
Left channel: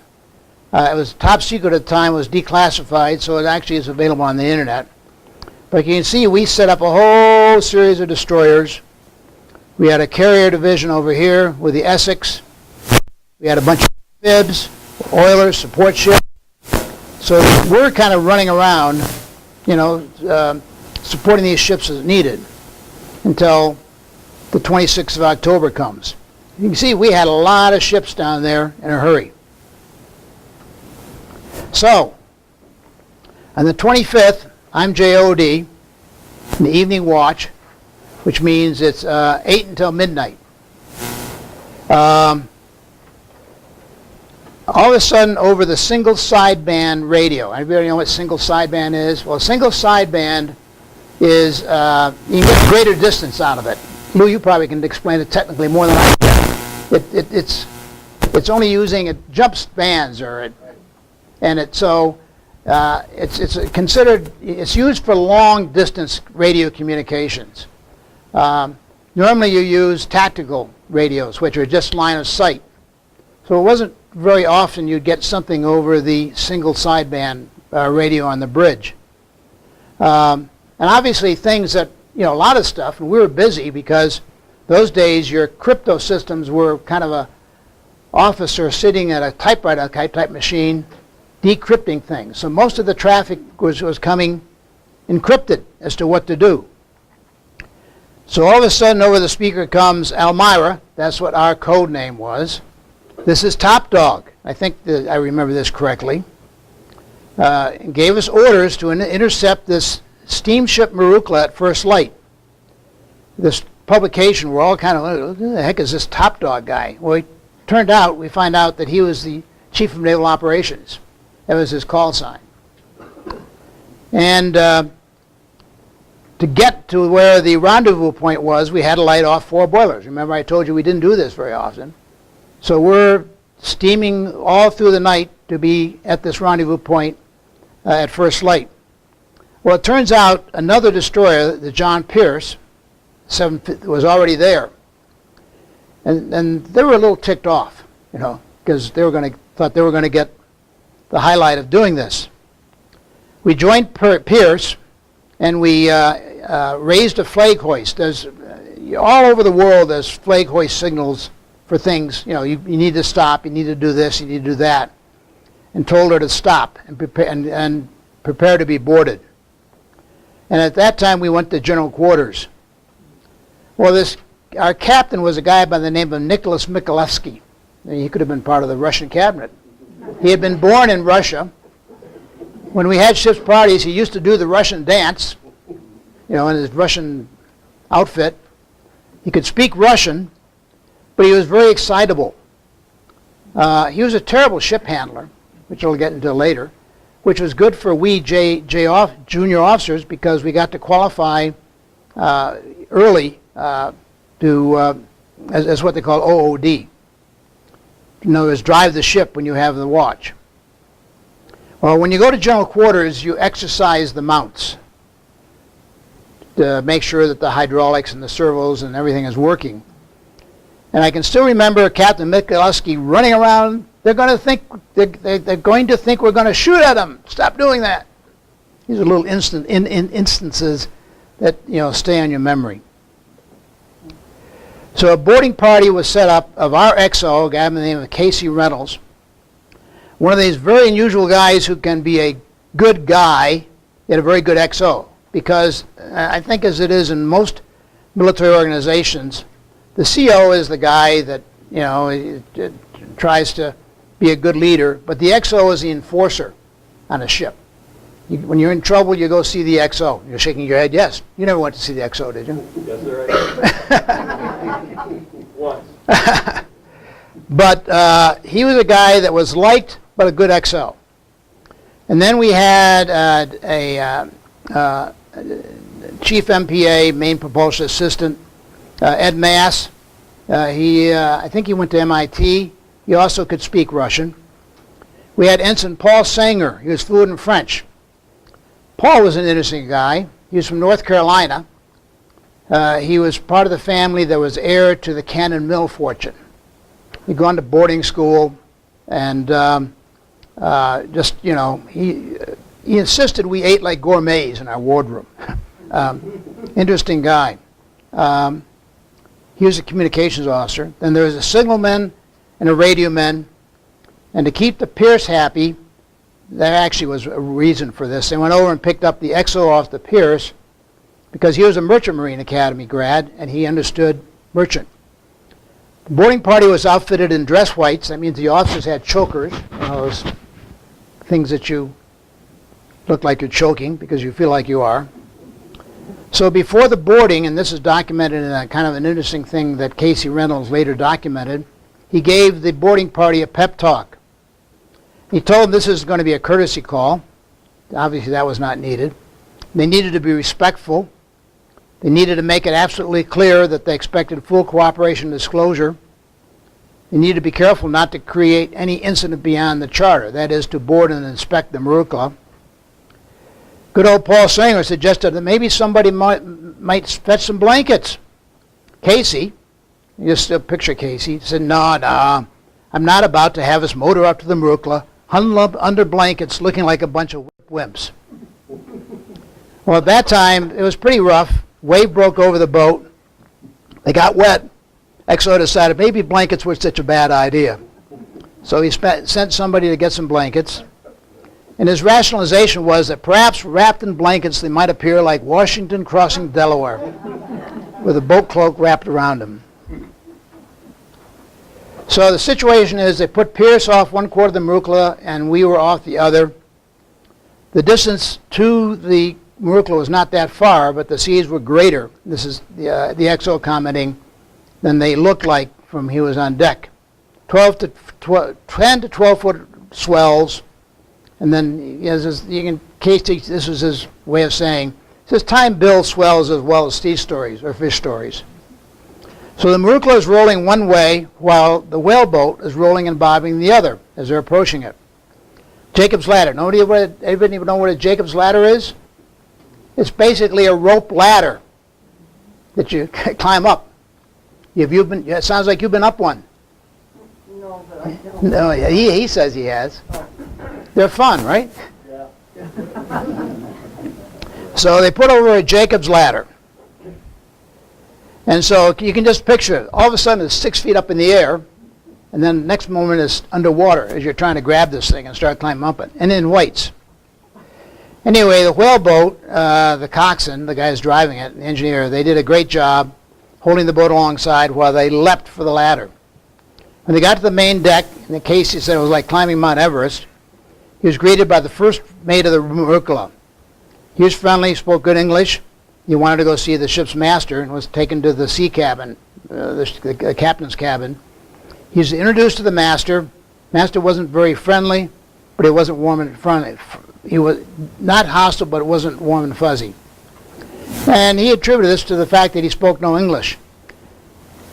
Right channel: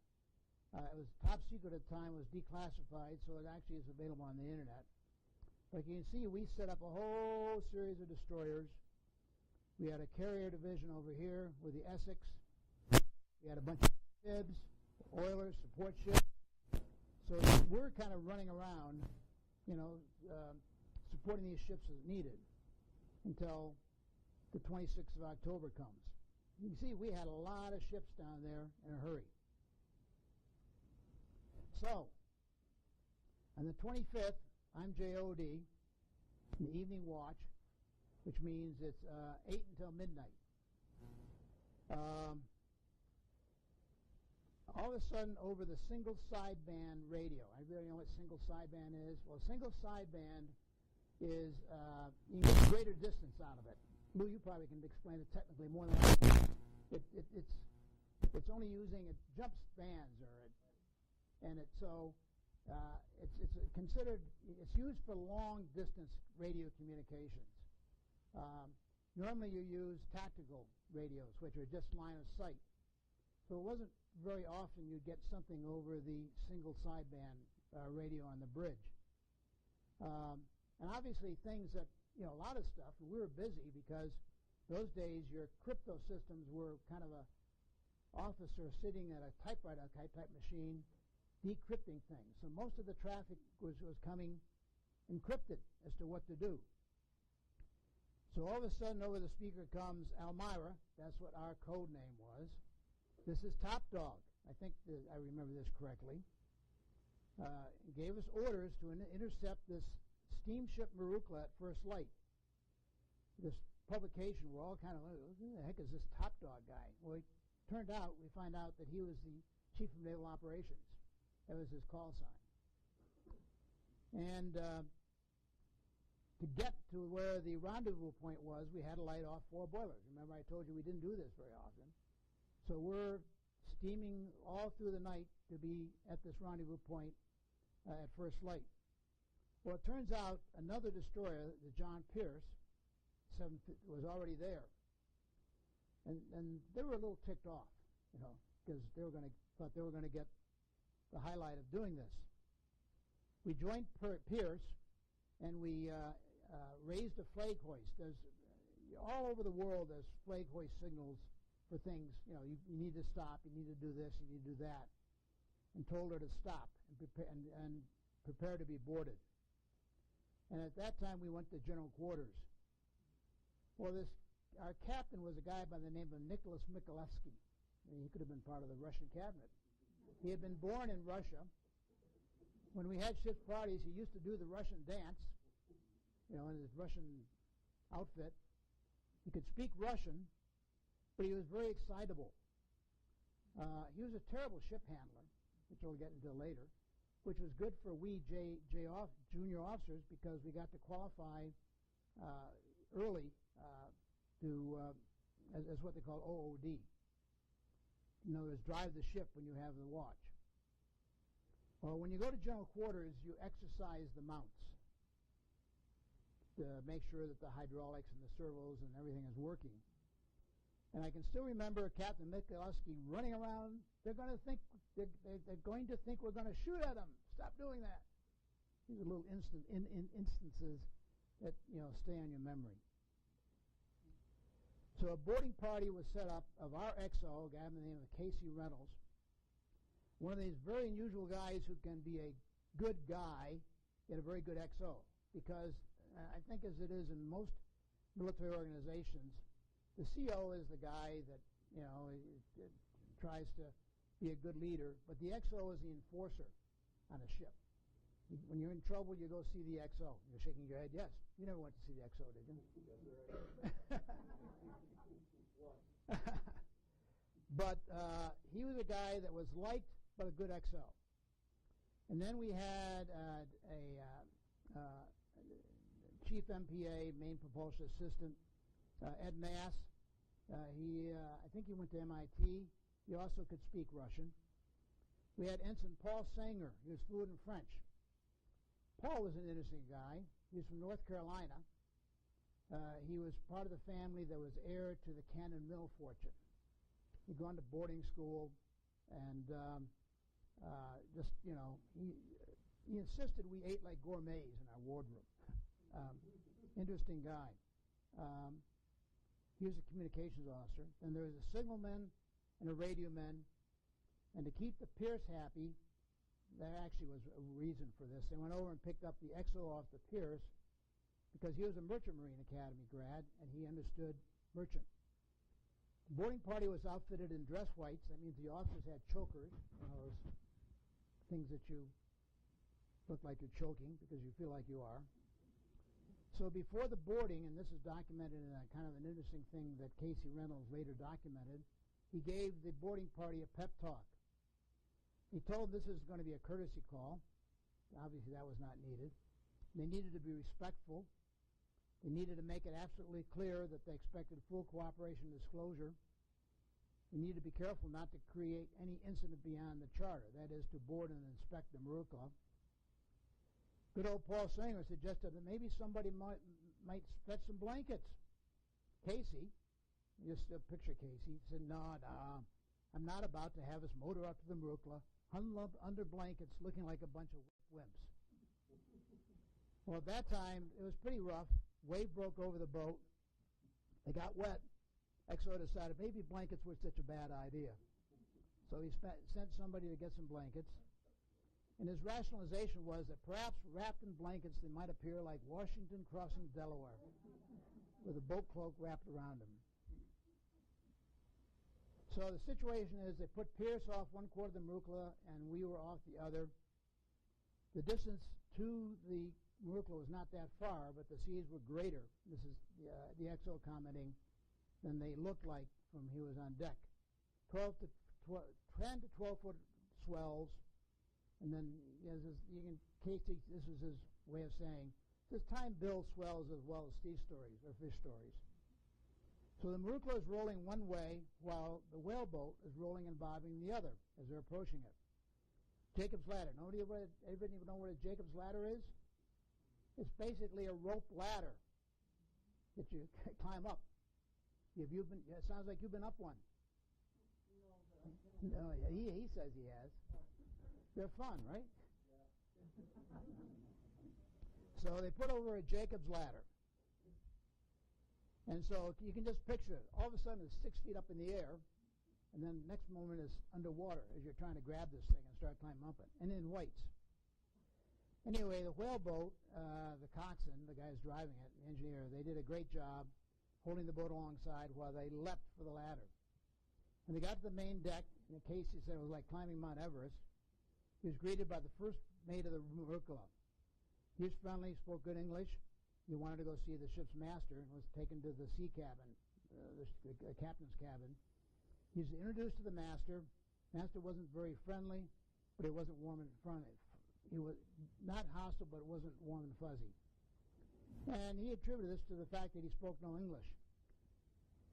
It was top secret at the time, was declassified, so it actually is available on the internet. But you can see we set up a whole series of destroyers. We had a carrier division over here with the Essex. We had a bunch of bibs, oilers, support ships. So we're kind of running around, supporting these ships as needed until the 26th of October comes. You can see we had a lot of ships down there in a hurry. So, on the 25th, I'm JOD in the evening watch, which means it's 8 until midnight. All of a sudden, over the single sideband radio, anybody know what single sideband is? Well, single sideband is, you can get greater distance out of it. Lou, you probably can explain it technically more than I can. It's only using it jumps bands it's considered, it's used for long distance radio communications. Normally you use tactical radios, which are just line of sight. So it wasn't very often you'd get something over the single sideband radio on the bridge. And obviously things that, a lot of stuff, and we were busy because those days your crypto systems were kind of a officer sitting at a typewriter type machine decrypting things. So most of the traffic was coming encrypted as to what to do. So all of a sudden over the speaker comes Elmira, that's what our code name was. This is Top Dog, I think that I remember this correctly. And gave us orders to intercept this steamship Maroocla at first light. This publication, we're all kind of, who the heck is this Top Dog guy? Well, it turned out, we find out that he was the Chief of Naval Operations. That was his call sign. And to get to where the rendezvous point was, we had to light off 4 boilers. Remember I told you we didn't do this very often. So we're steaming all through the night to be at this rendezvous point at first light. Well, it turns out another destroyer, the John Pierce, was already there. And they were a little ticked off, you know, because thought they were going to get the highlight of doing this. We joined Pierce, and we raised a flag hoist. There's all over the world, there's flag hoist signals for things. You know, you need to stop, you need to do this, you need to do that, and told her to stop and prepare to be boarded. And at that time, we went to general quarters. Well, our captain was a guy by the name of Nicholas Mikhailovsky. He could have been part of the Russian cabinet. He had been born in Russia. When we had ship's parties, he used to do the Russian dance, you know, in his Russian outfit. He could speak Russian, but he was very excitable. He was a terrible ship handler, which I'll get into later, which was good for we junior officers because we got to qualify early as what they call OOD. In other words, drive the ship when you have the watch. Well, when you go to general quarters, you exercise the mounts to make sure that the hydraulics and the servos and everything is working. And I can still remember Captain Mikhailovsky running around. They're going to think we're going to shoot at them. Stop doing that. These are little instances that, you know, stay on your memory. So a boarding party was set up of our XO, a guy by the name of Casey Reynolds. One of these very unusual guys who can be a good guy, yet a very good XO. Because I think as it is in most military organizations, the CO is the guy that, you know, tries to be a good leader, but the XO is the enforcer on a ship. When you're in trouble, you go see the XO. You're shaking your head, yes. You never went to see the XO, did you? Yes, sir, I did. Once. But he was a guy that was liked, but a good XO. And then we had a chief MPA, main propulsion assistant, Ed Mass. I think he went to MIT. He also could speak Russian. We had Ensign Paul Sanger. He was fluent in French. Paul was an interesting guy. He was from North Carolina. He was part of the family that was heir to the Cannon Mill fortune. He'd gone to boarding school, and just, you know, he insisted we ate like gourmets in our wardroom. Interesting guy. He was a communications officer. Then there was a signalman and a radio man. And to keep the Pierce happy, there actually was a reason for this. They went over and picked up the XO off the Pierce because he was a Merchant Marine Academy grad and he understood merchant. The boarding party was outfitted in dress whites. That means the officers had chokers, you know, those things that you look like you're choking because you feel like you are. So before the boarding, and this is documented in a kind of an interesting thing that Casey Reynolds later documented, he gave the boarding party a pep talk. He told them this is going to be a courtesy call. Obviously that was not needed. They needed to be respectful. They needed to make it absolutely clear that they expected full cooperation and disclosure. They needed to be careful not to create any incident beyond the charter, that is, to board and inspect the Marukla. Good old Paul Sanger suggested that maybe somebody might fetch some blankets. Casey, you just picture Casey, said, no, I'm not about to have us motor up to the Marukla, huddle up under blankets looking like a bunch of wimps. Well, at that time, it was pretty rough. Wave broke over the boat. They got wet. XO decided maybe blankets were such a bad idea. So he sent somebody to get some blankets. And his rationalization was that perhaps wrapped in blankets they might appear like Washington crossing Delaware with a boat cloak wrapped around him. So the situation is they put Pierce off one quarter of the Marukla and we were off the other. The distance to the Marukla was not that far, but the seas were greater. This is the XO commenting than they looked like from he was on deck. 10 to 12 foot swells, and then this was his way of saying, says time builds swells as well as sea stories or fish stories. So the Marukla is rolling one way while the whaleboat is rolling and bobbing the other as they're approaching it. Jacob's Ladder. Anybody know what a Jacob's Ladder is? It's basically a rope ladder that you climb up. It sounds like you've been up one. No, but I don't. No, he says he has. They're fun, right? Yeah. So they put over a Jacob's ladder. And so you can just picture it. All of a sudden it's 6 feet up in the air, and then the next moment it's underwater as you're trying to grab this thing and start climbing up it, and in weights. Anyway, the whaleboat, the coxswain, the guy who's driving it, the engineer, they did a great job holding the boat alongside while they leapt for the ladder. When they got to the main deck, in the case he said it was like climbing Mount Everest, he was greeted by the first mate of the Marukala. He was friendly, spoke good English. He wanted to go see the ship's master and was taken to the sea cabin, the captain's cabin. He was introduced to the master. Master wasn't very friendly, but he wasn't warm and friendly. He was not hostile, but it wasn't warm and fuzzy. And he attributed this to the fact that he spoke no English.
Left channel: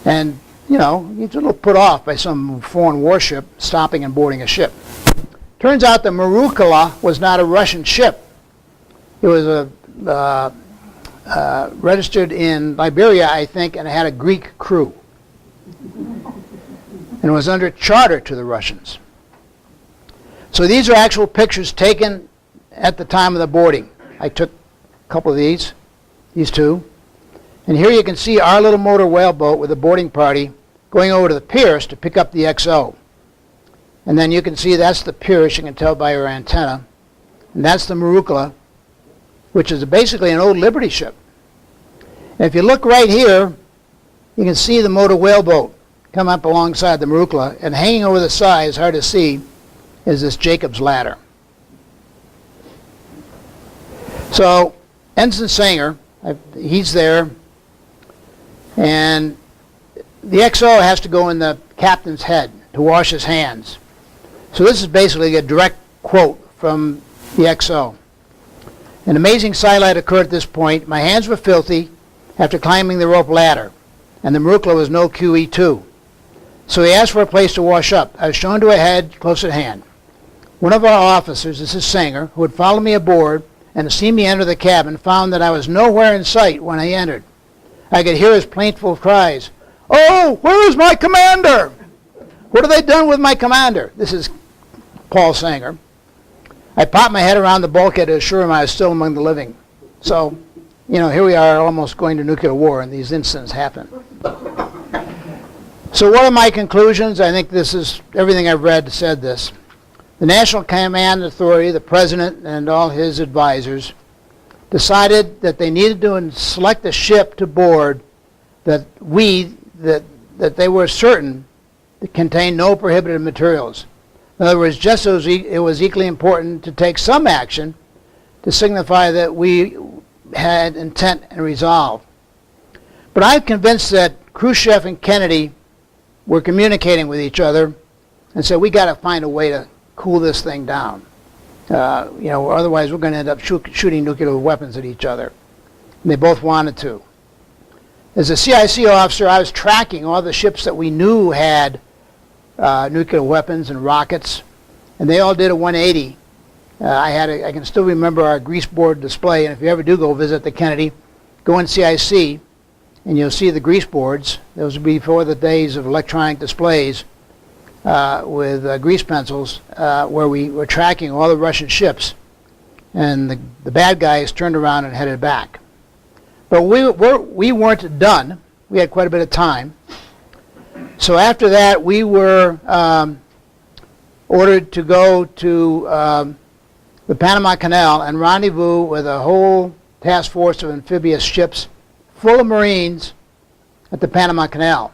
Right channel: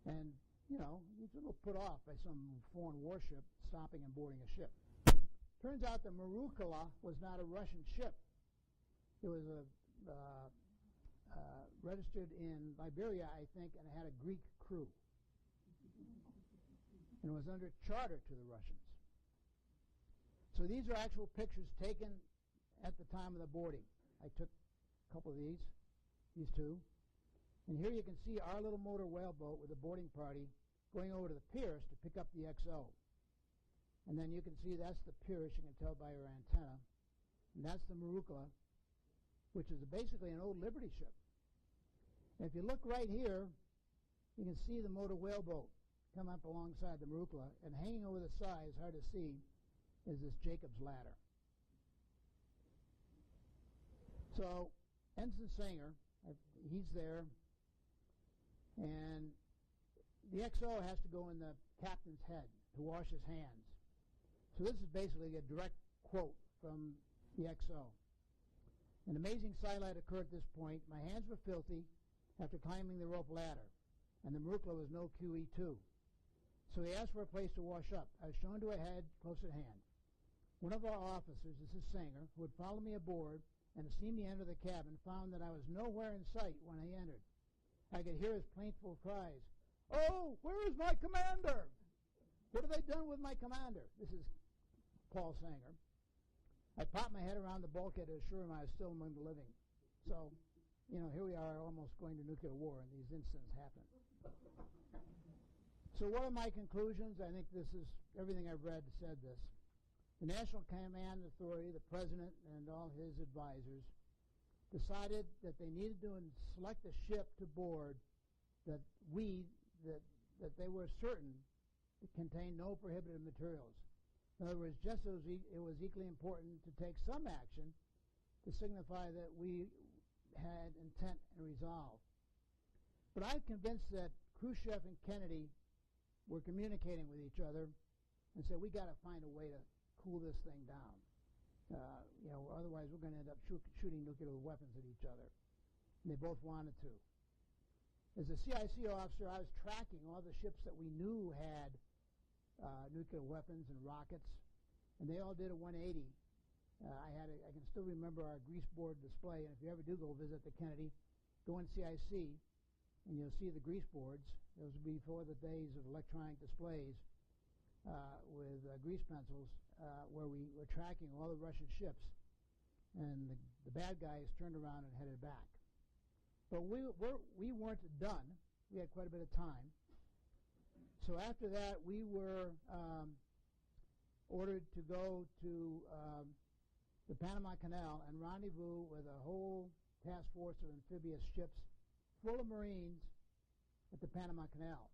And, you know, he's a little put off by some foreign warship stopping and boarding a ship. Turns out the Marukala was not a Russian ship. It was registered in Liberia, I think, and it had a Greek crew. And it was under charter to the Russians. So these are actual pictures taken at the time of the boarding. I took a couple of these two. And here you can see our little motor whaleboat with a boarding party going over to the Pierce to pick up the XO. And then you can see that's the Pierce, you can tell by her antenna. And that's the Marukala, which is basically an old Liberty ship. And if you look right here, you can see the motor whaleboat come up alongside the Marukala, and hanging over the side, it's hard to see, is this Jacob's ladder. So Ensign Sanger, he's there, and the XO has to go in the captain's head to wash his hands. So this is basically a direct quote from the XO. An amazing sight occurred at this point. My hands were filthy after climbing the rope ladder, and the Marukala was no QE2. So he asked for a place to wash up. I was shown to a head close at hand. One of our officers, this is Sanger, who had followed me aboard and had seen me enter the cabin, found that I was nowhere in sight when I entered. I could hear his plaintive cries, "Oh, where is my commander? What have they done with my commander?" This is Paul Sanger. I popped my head around the bulkhead to assure him I was still among the living. So, you know, here we are almost going to nuclear war, and these incidents happen. So what are my conclusions? I think this is, everything I've read said this. The National Command Authority, the President and all his advisors, decided that they needed to select a ship to board that they were certain that contained no prohibited materials. In other words, just as it was equally important to take some action to signify that we had intent and resolve. But I'm convinced that Khrushchev and Kennedy were communicating with each other and said, we got to find a way to cool this thing down. You know, otherwise we're going to end up shooting nuclear weapons at each other. And they both wanted to. As a CIC officer, I was tracking all the ships that we knew had nuclear weapons and rockets, and they all did a 180. I can still remember our grease board display, and if you ever do go visit the Kennedy, go in CIC, and you'll see the grease boards. Those would be before the days of electronic displays with grease pencils, where we were tracking all the Russian ships, and the bad guys turned around and headed back. But we weren't done. We had quite a bit of time. So after that, we were ordered to go to the Panama Canal and rendezvous with a whole task force of amphibious ships full of Marines at the Panama Canal.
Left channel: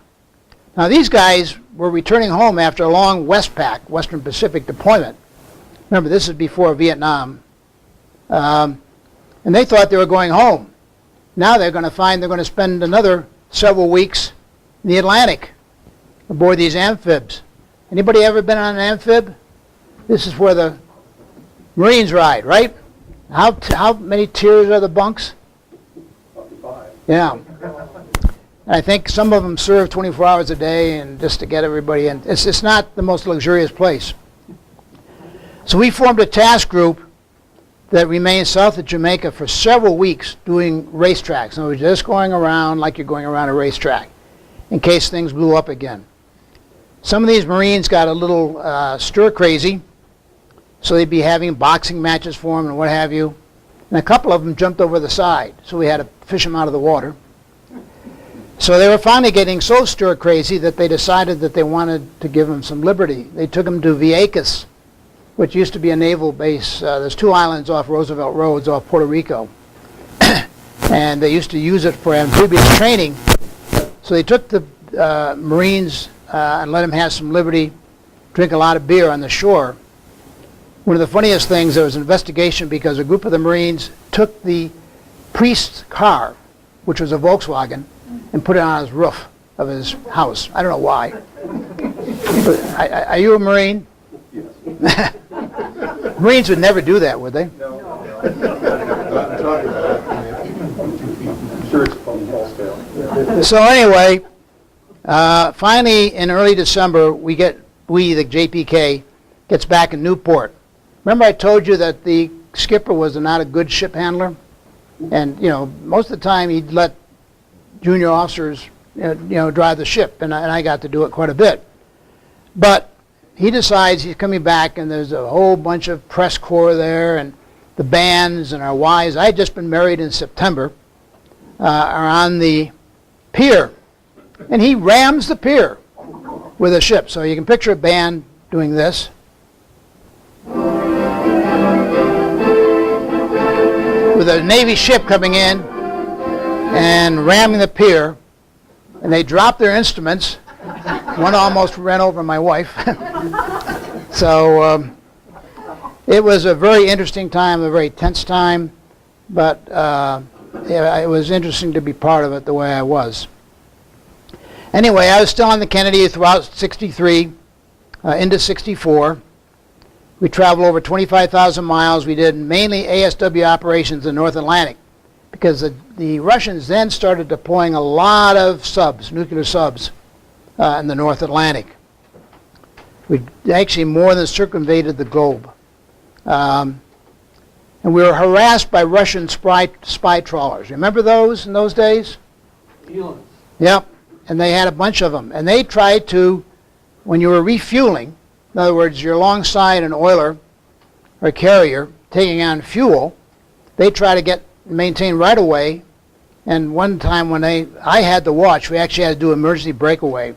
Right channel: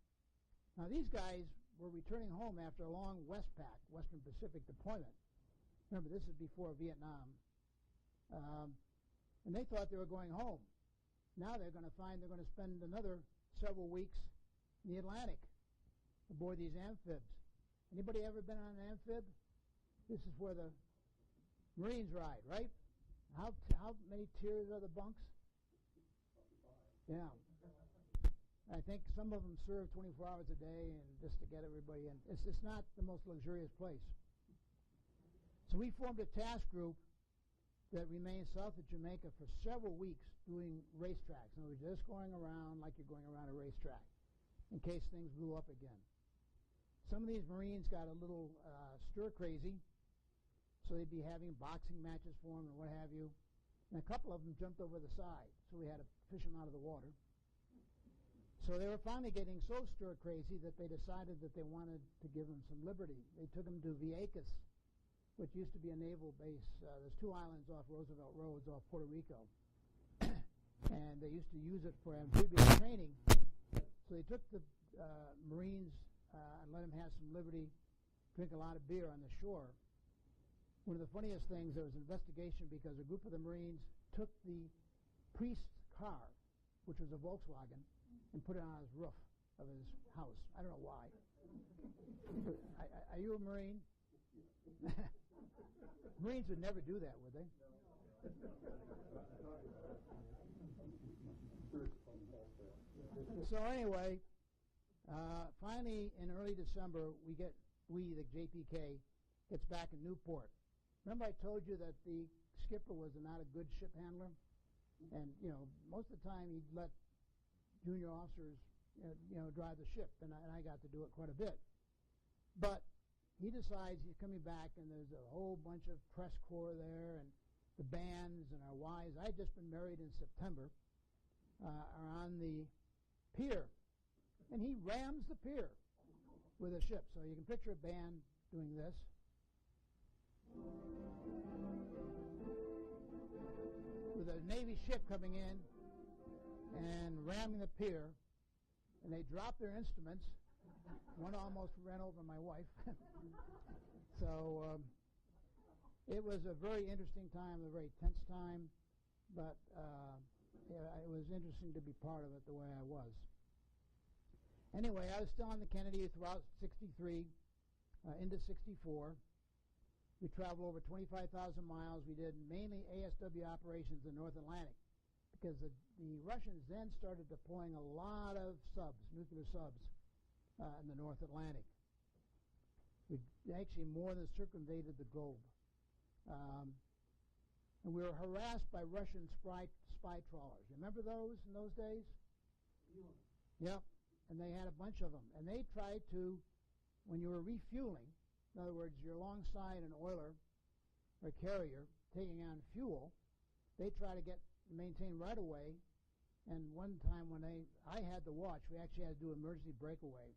Now these guys were returning home after a long Westpac, Western Pacific deployment. Remember, this is before Vietnam. And they thought they were going home. Now they're going to find they're going to spend another several weeks in the Atlantic aboard these amphibs. Anybody ever been on an amphib? This is where the Marines ride, right? How many tiers are the bunks? 55. Yeah. I think some of them serve 24 hours a day, and just to get everybody in. It's not the most luxurious place. So we formed a task group that remained south of Jamaica for several weeks doing racetracks. In other words, just going around like you're going around a racetrack in case things blew up again. Some of these Marines got a little stir crazy, so they'd be having boxing matches for them and what have you. And a couple of them jumped over the side, so we had to fish them out of the water. So they were finally getting so stir crazy that they decided that they wanted to give them some liberty. They took them to Vieques, which used to be a naval base. There's 2 islands off Roosevelt Roads off Puerto Rico. And they used to use it for amphibious training. So they took the Marines and let them have some liberty, drink a lot of beer on the shore. One of the funniest things, there was an investigation because a group of the Marines took the priest's car, which was a Volkswagen, and put it on his roof of his house. I don't know why. But, are you a Marine? Yes. Marines would never do that, would they? No. Not talking about it. I'm sure it's false scale. So anyway, finally in early December, the JPK, gets back in Newport. Remember I told you that the skipper was not a good ship handler? And, most of the time he'd let junior officers, drive the ship, and I got to do it quite a bit. But he decides he's coming back, and there's a whole bunch of press corps there, and the bands and our wives. I had just been married in September, are on the pier, and he rams the pier with a ship. So you can picture a band doing this. With a Navy ship coming in and ramming the pier, and they dropped their instruments. One almost ran over my wife. So it was a very interesting time, a very tense time, but it was interesting to be part of it the way I was. Anyway, I was still on the Kennedy throughout 63 into 64. We traveled over 25,000 miles. We did mainly ASW operations in the North Atlantic because the Russians then started deploying a lot of subs, nuclear subs, in the North Atlantic. We actually more than circumvented the globe. And we were harassed by Russian spy trawlers. Remember those in those days? Feelings. Yep. And they had a bunch of them. And they tried to, when you were refueling, in other words, you're alongside an oiler or carrier taking on fuel, they try to maintain right away. And one time when I had to watch, we actually had to do emergency breakaway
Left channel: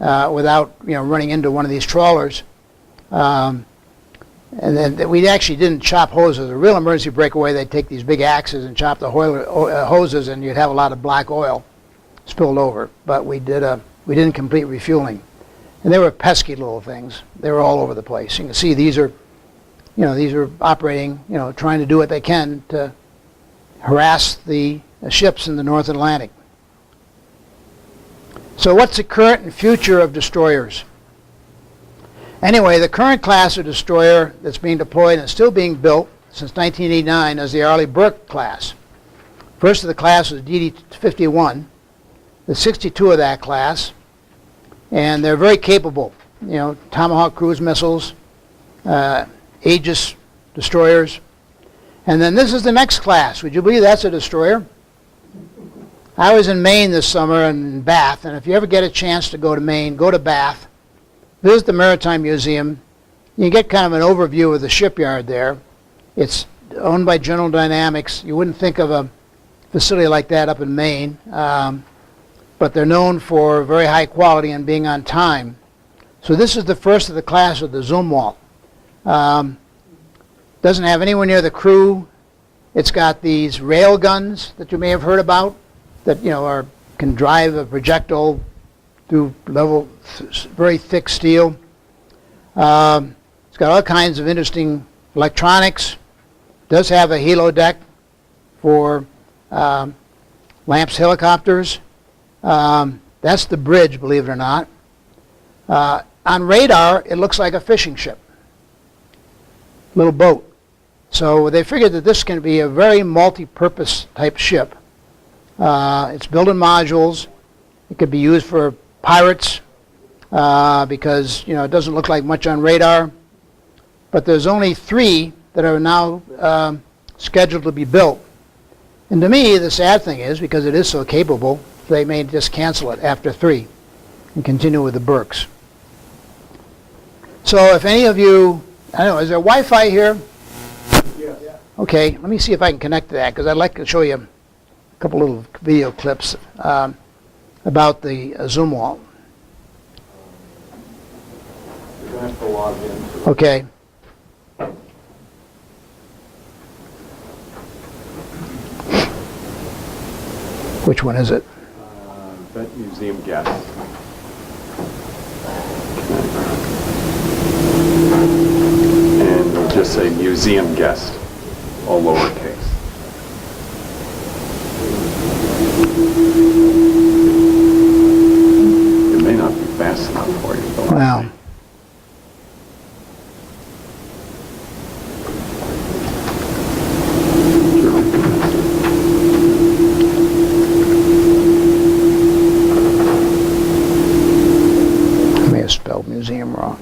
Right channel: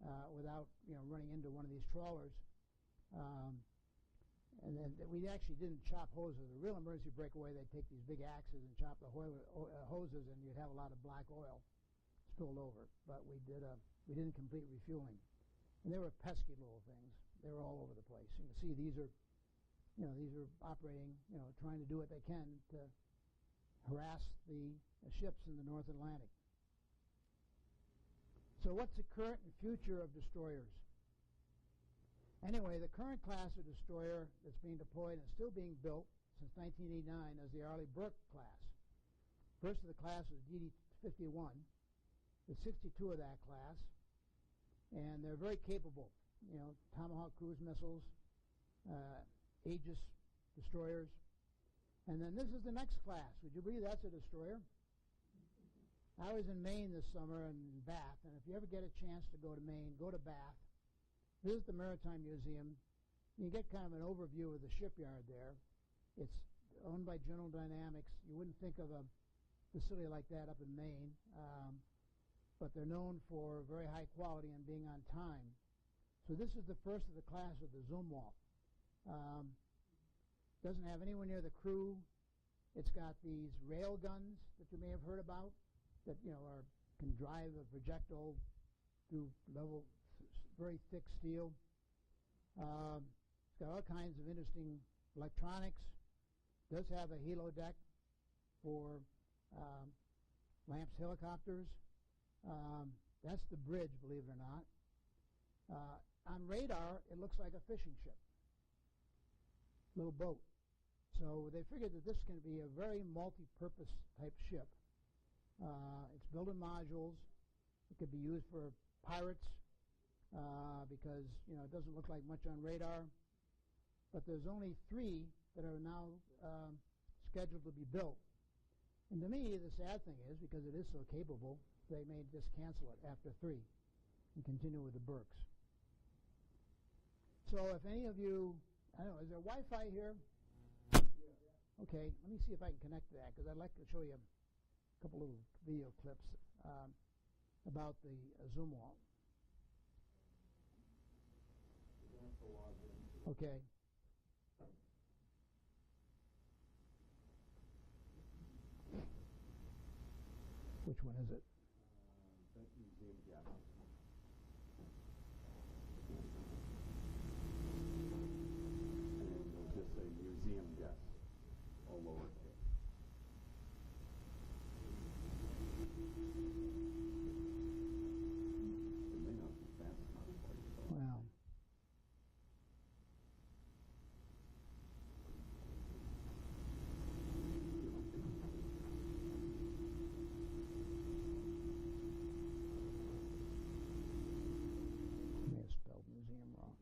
without running into one of these trawlers. And then we actually didn't chop hoses. A real emergency breakaway, they'd take these big axes and chop the hoses, and you'd have a lot of black oil spilled over. But we didn't complete refueling. And they were pesky little things. They were all over the place. You can see these are operating, trying to do what they can to harass the ships in the North Atlantic. So what's the current and future of destroyers? Anyway, the current class of destroyer that's being deployed and still being built since 1989 is the Arleigh Burke class. First of the class was DD-51. There's 62 of that class. And they're very capable, Tomahawk cruise missiles, Aegis destroyers. And then this is the next class. Would you believe that's a destroyer? I was in Maine this summer and in Bath, and if you ever get a chance to go to Maine, go to Bath, visit the Maritime Museum. You get kind of an overview of the shipyard there. It's owned by General Dynamics. You wouldn't think of a facility like that up in Maine. But they're known for very high quality and being on time. So this is the first of the class of the Zumwalt. Doesn't have anywhere near the crew. It's got these rail guns that you may have heard about that can drive a projectile through very thick steel. It's got all kinds of interesting electronics. Does have a helo deck for Lamps helicopters. That's the bridge, believe it or not. On radar, it looks like a fishing ship, little boat. So they figured that this can be a very multi-purpose type ship. It's built in modules. It could be used for pirates because it doesn't look like much on radar. But there's only 3 that are now scheduled to be built. And to me, the sad thing is, because it is so capable, they may just cancel it after 3 and continue with the Burks. So if any of you, I don't know, is there Wi-Fi here? Yes. Okay, let me see if I can connect to that, because I'd like to show you a couple little video clips about the Zumwalt. You're going to have to log in. Okay. Which one is it? Vet Museum guest. And we'll just say museum guest, all lowercase. It may not be fast enough for you, but Wow. I may have spelled museum wrong.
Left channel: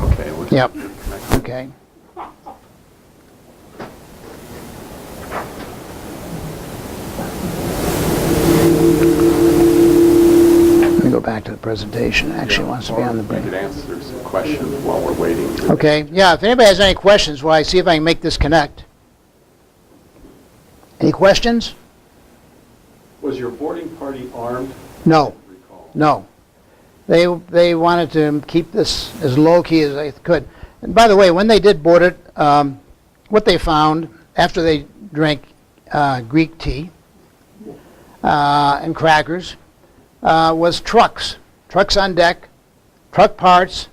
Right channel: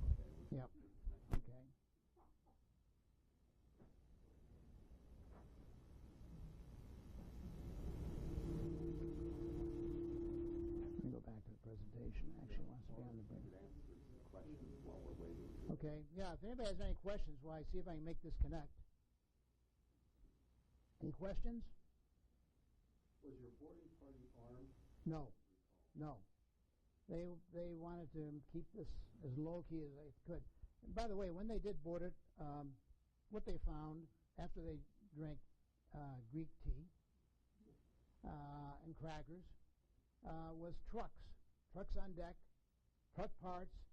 okay. Looks Yep. like you're connected. Okay. Let me go back to the presentation. Actually, it wants to be on the We break. could answer some questions while we're waiting. Okay, yeah, if anybody has any questions, while I see if I can make this connect. Any questions? Was your boarding party armed? No, Recall. no. They wanted to keep this as low-key as they could. And by the way, when they did board it, what they found after they drank Greek tea and crackers was trucks on deck, truck parts,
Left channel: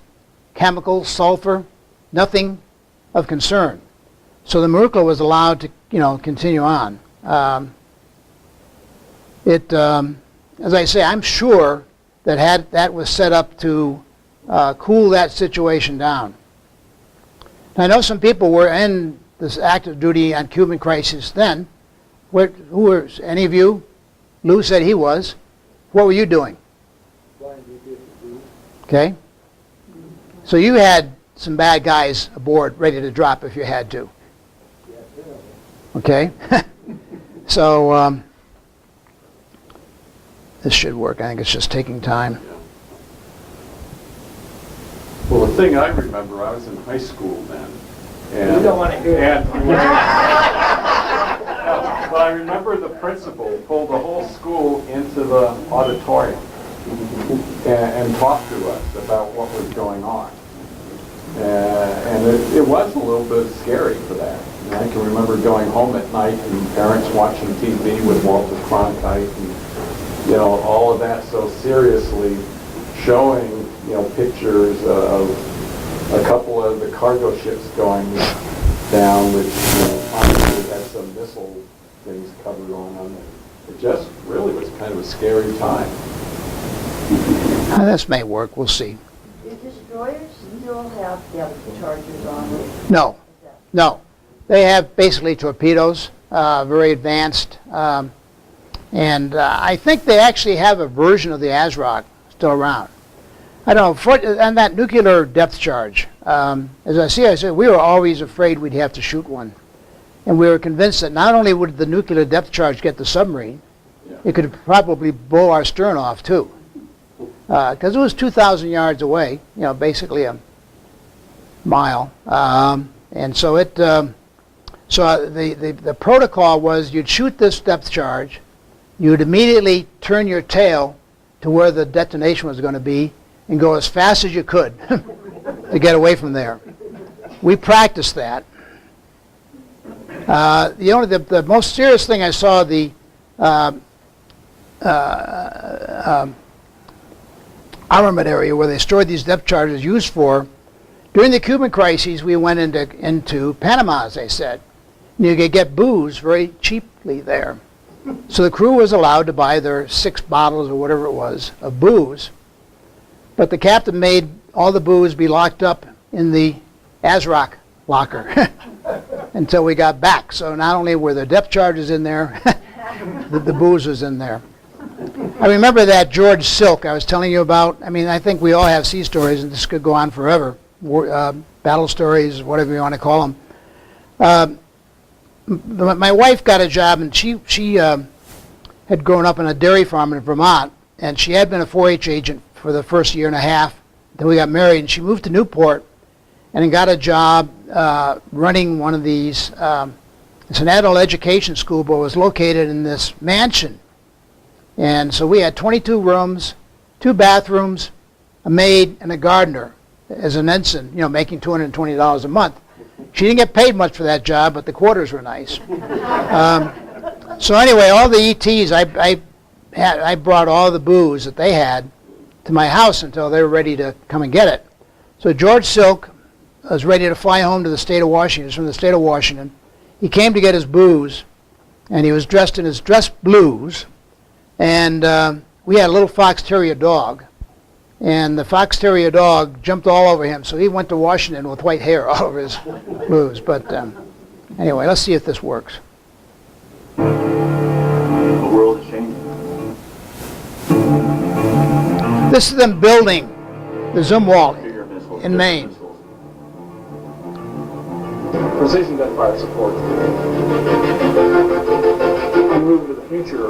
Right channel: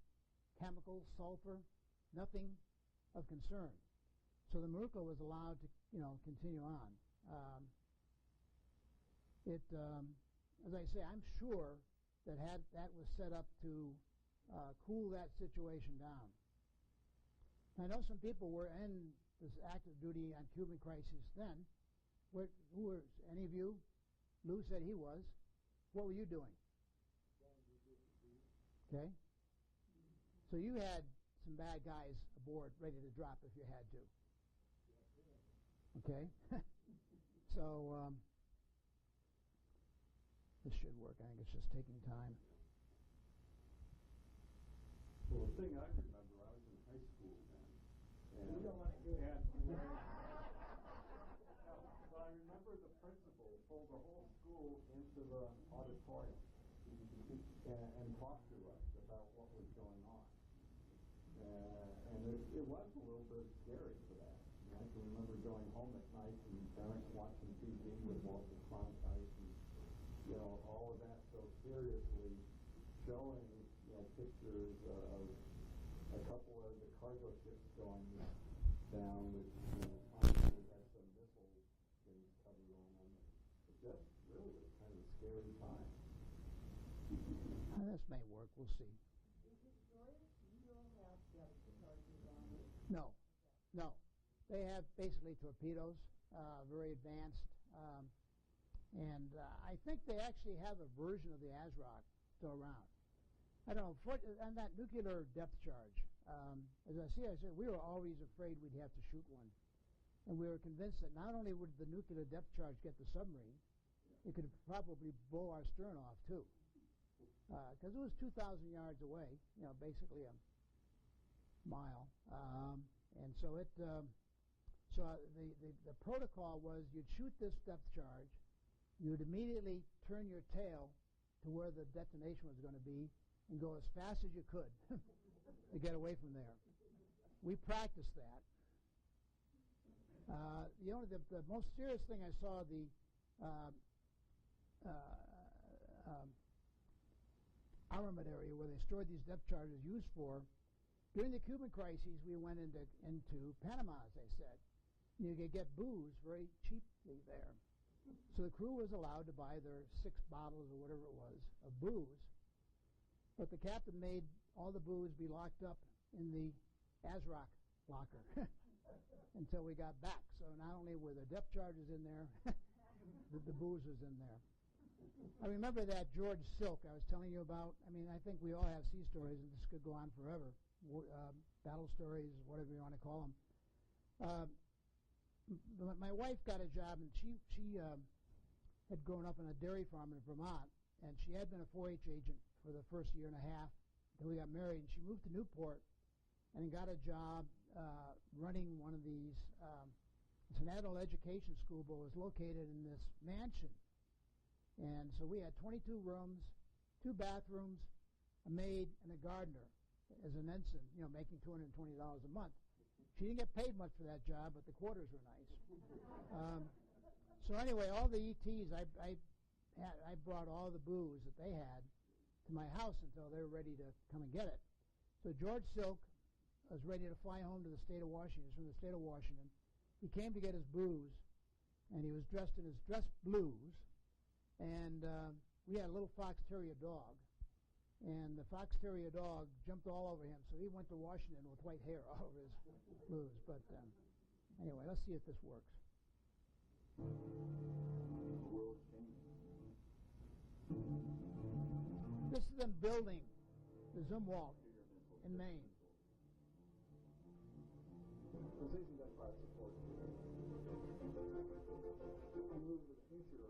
chemicals, sulfur, nothing of concern. So the Marukla was allowed to, continue on. As I say, I'm sure that was set up to cool that situation down. I know some people were in this active duty on Cuban crisis then. Who were any of you? Lou said he was. What were you doing? Okay. So you had some bad guys aboard ready to drop if you had to. Okay. So this should work. I think it's just taking time. Well, the thing I remember, I was in high school then. And, You don't want to hear it. But I remember the principal pulled the whole school into the auditorium and talked to us about what was going on. And it was a little bit scary for that. And I can remember going home at night and parents watching TV with Walter Cronkite and, all of that so seriously, showing, pictures of a couple of the cargo ships going down, which, obviously had some missile things covered on them. It just really was kind of a scary time. This may work. We'll see. Do destroyers still have depth charges on them? No. No. They have basically torpedoes, very advanced. And I think they actually have a version of the ASROC still around. I don't know, and that nuclear depth charge, as I said, we were always afraid we'd have to shoot one. And we were convinced that not only would the nuclear depth charge get the submarine, it could probably blow our stern off too. Because it was 2,000 yards away, basically a mile. And so the protocol was you'd shoot this depth charge, you'd immediately turn your tail to where the detonation was going to be and go as fast as you could to get away from there. We practiced that. The most serious thing I saw the armament area where they stored these depth charges used for. During the Cuban crises, we went into Panama, as I said. And you could get booze very cheaply there. So the crew was allowed to buy their 6 bottles or whatever it was of booze. But the captain made all the booze be locked up in the ASROC locker until we got back. So not only were the depth charges in there, the booze was in there. I remember that George Silk I was telling you about. I mean, I think we all have sea stories, and this could go on forever. Battle stories, whatever you want to call them. My wife got a job, and she had grown up on a dairy farm in Vermont, and she had been a 4-H agent for the first year and a half. Then we got married, and she moved to Newport and got a job running one of these. It's an adult education school, but it was located in this mansion. And so we had 22 rooms, 2 bathrooms, a maid, and a gardener as an ensign, making $220 a month. She didn't get paid much for that job, but the quarters were nice. So anyway, all the ETs, I brought all the booze that they had to my house until they were ready to come and get it. So George Silk was ready to fly home to the state of Washington. He was from the state of Washington. He came to get his booze, and he was dressed in his dress blues. And we had a little fox terrier dog, and the fox terrier dog jumped all over him, so he went to Washington with white hair all over his blues. But anyway, let's see if this works. The world is changing. This is them building the Zumwalt Bigger missiles, in Maine. missiles. Precision gunfire support. We move into the future.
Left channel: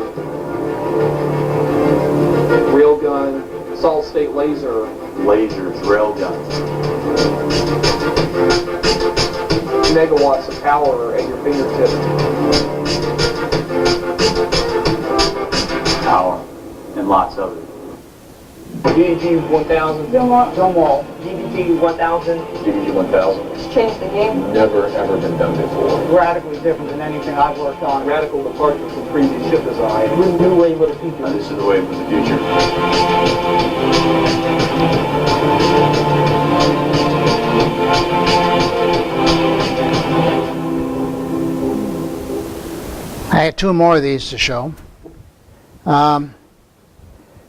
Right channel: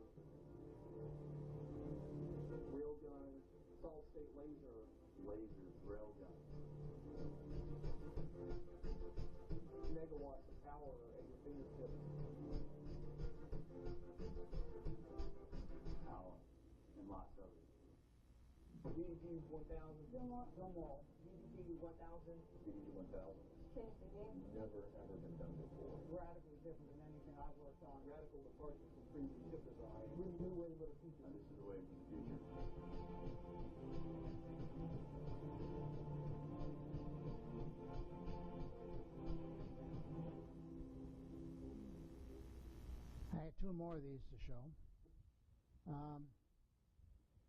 Railgun, solid state laser. Lasers, railguns. Megawatts of power at your fingertips. Power. And lots of it. DDG 1000. Zumwalt. DDG 1000. DDG 1000. It's changed the game. Never ever been done before. Radically different than anything I've worked on. Radical departure from previous ship design. New wave of the future. And this is the wave of the future. I had 2 more of these to show.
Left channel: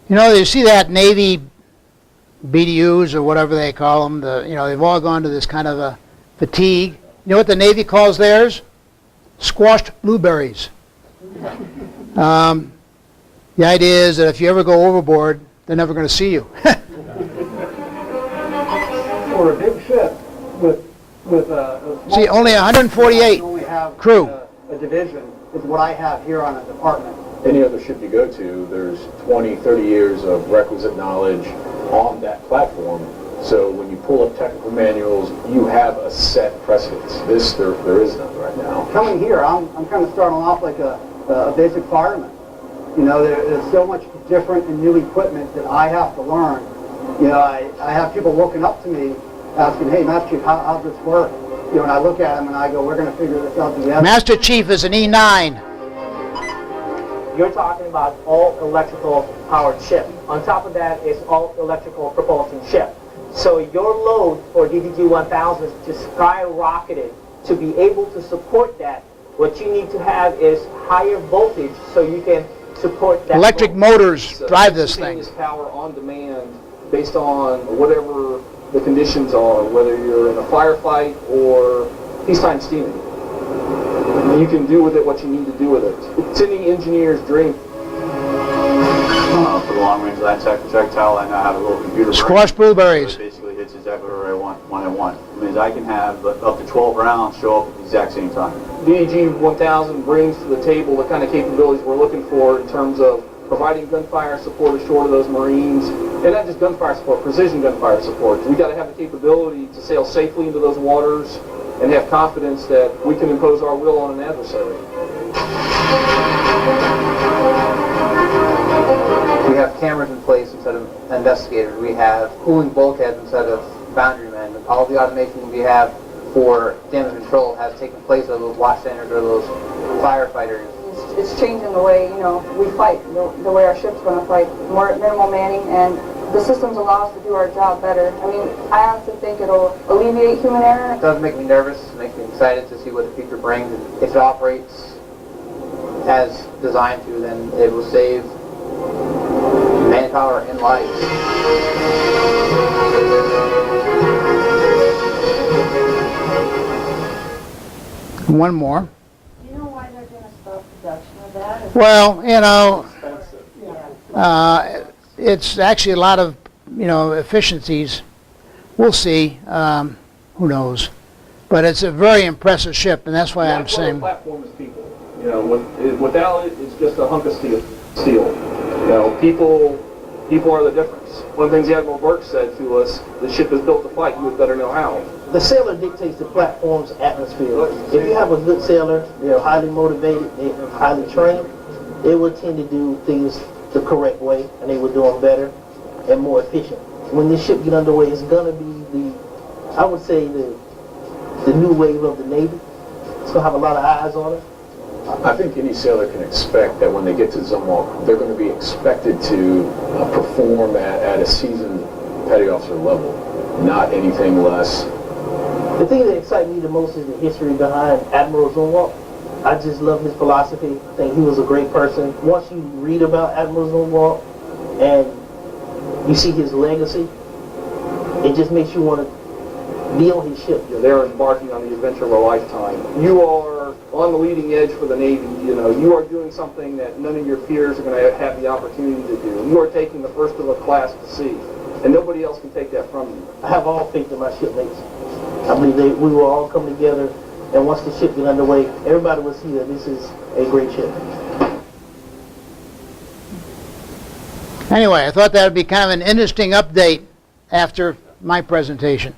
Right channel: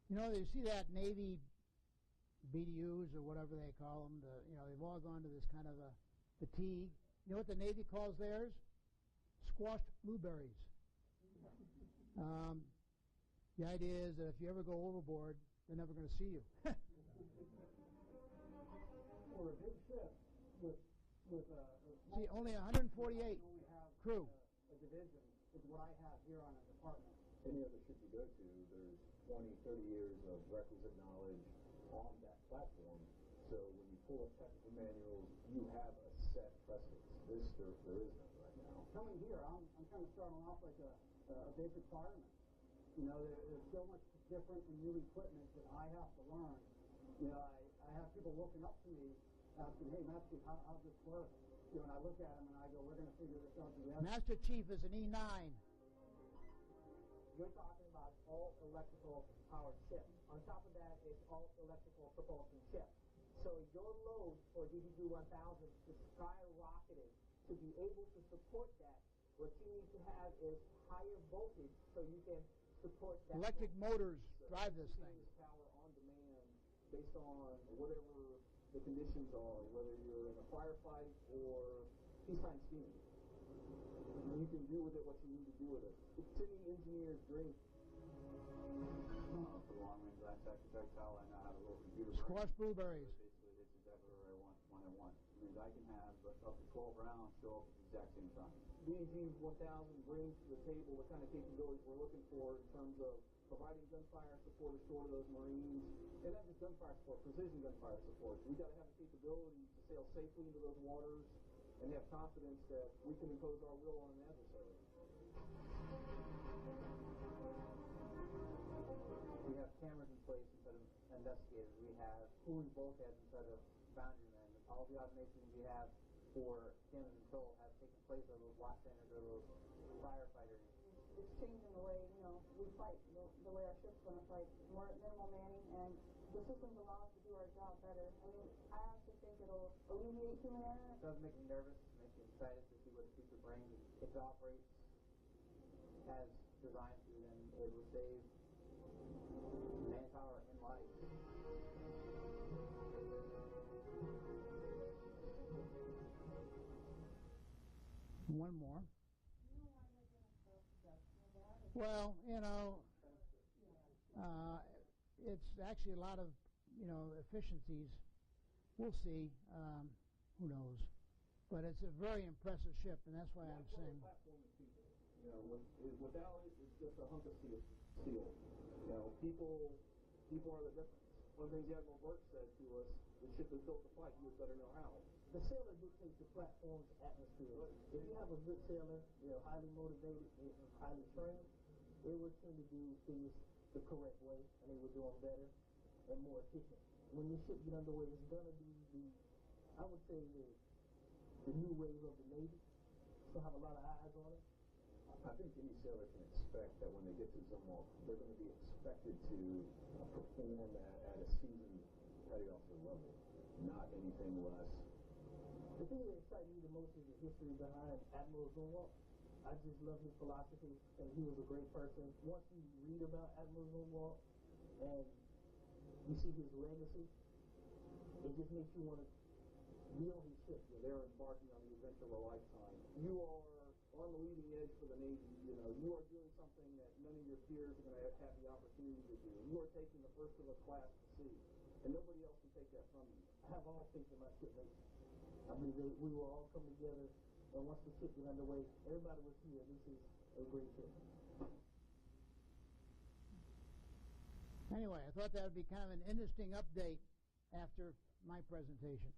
You see that Navy BTUs or whatever they call them. They've all gone to this kind of a fatigue. You know what the Navy calls theirs? Squashed blueberries. The idea is that if you ever go overboard, they're never going to see you. For a big ship with a See, only 148 only have crew. a division is what I have here on a department. Any other ship you go to, there's 20, 30 years of requisite knowledge on that platform. So when you pull up technical manuals, you have a set precedence. This, there is none right now. Coming here, I'm kind of starting off like a basic fireman. There's so much different and new equipment that I have to learn. I have people looking up to me asking, hey, Master Chief, how's this work? And I look at them and I go, we're going to figure this out together. Master Chief is an E9. You're talking about all electrical powered ship. On top of that is all electrical propulsion ship. So your load for DDG 1000 just skyrocketed. To be able to support that, what you need to have is higher voltage so you can support that. Electric load. motors drive this thing. Instantaneous power on demand based on whatever the conditions are, whether you're in a firefight or peacetime steaming. You can do with it what you need to do with it. It's any engineer's dream. For the long-range land projectile, I now have a little computer brain. Squash blueberries. So it basically hits exactly where I want when I want. It means I can have up to 12 rounds show up at the exact same time. DDG 1000 brings to the table the kind of capabilities we're looking for in terms of providing gunfire support ashore to those Marines, and not just gunfire support, precision gunfire support. We got to have the capability to sail safely into those waters and have confidence that we can impose our will on an adversary. We have cameras in place instead of investigators. We have cooling bulkheads instead of boundary men. All the automation we have for damage control has taken place of those watchstanders or those firefighters. It's changing the way, we fight, the way our ship's going to fight. More minimal manning, and the systems allow us to do our job better. I mean, I honestly think it'll alleviate human error. It does make me nervous. It makes me excited to see what the future brings. If it operates as designed to, then it will save manpower and lives. One more. Do you know why they're going to stop production of that? Well, It's actually a lot of, efficiencies. We'll see. Who knows? But it's a very impressive ship, and that's why I'm saying. The platform is people. Without it, it's just a hunk of steel. People are the difference. One of the things Admiral Burke said to us: "The ship is built to fight. You had better know how." The sailor dictates the platform's atmosphere. If you have a good sailor, they're highly motivated, they're highly trained, they will tend to do things the correct way, and they will do them better and more efficient. When this ship get underway, it's going to be I would say, the new wave of the Navy. It's going to have a lot of eyes on it. I think any sailor can expect that when they get to Zumwalt, they're going to be expected to perform at a seasoned petty officer level, not anything less. The thing that excites me the most is the history behind Admiral Zumwalt. I just love his philosophy. I think he was a great person. Once you read about Admiral Zumwalt and you see his legacy, it just makes you want to be on his ship. They're embarking on the adventure of a lifetime. You are on the leading edge for the Navy. You are doing something that none of your peers are going to have the opportunity to do. You are taking the first of a class to sea, and nobody else can take that from you. I have all faith in my shipmates. I believe we will all come together, and once the ship gets underway, everybody will see that this is a great ship. Anyway, I thought that would be kind of an interesting update after my presentation.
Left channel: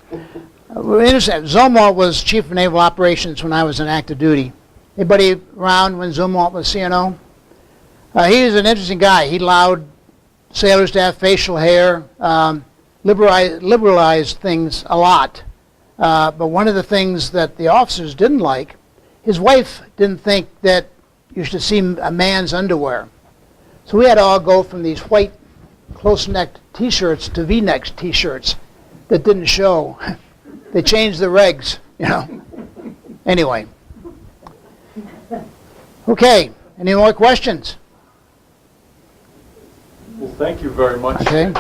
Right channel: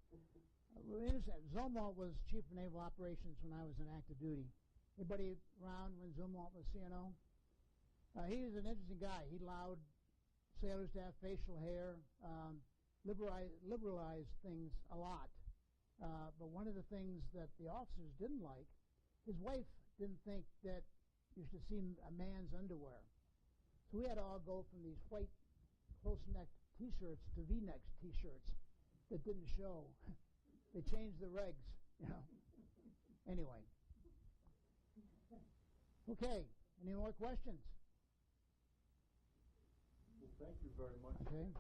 Zumwalt was Chief of Naval Operations when I was in active duty. Anybody around when Zumwalt was CNO? He was an interesting guy. He allowed sailors to have facial hair, liberalized things a lot. But one of the things that the officers didn't like, his wife didn't think that you should see a man's underwear. So we had to all go from these white close-necked T-shirts to V-neck T-shirts that didn't show. They changed the regs, Anyway. Okay, any more questions? Well, thank you very much. Okay. In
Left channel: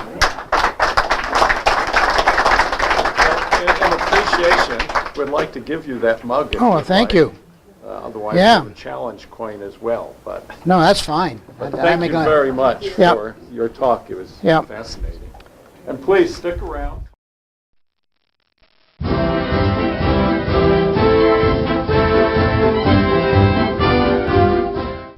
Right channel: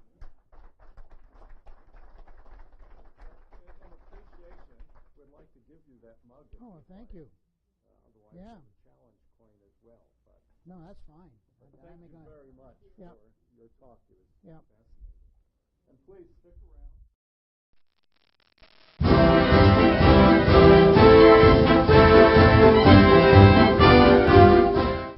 appreciation, we'd like to give you that mug. Oh, thank you. Otherwise, Yeah. we would challenge coin as well. But No, that's fine. thank you very much Yep. for your talk. It was Yep. fascinating. And please stick around.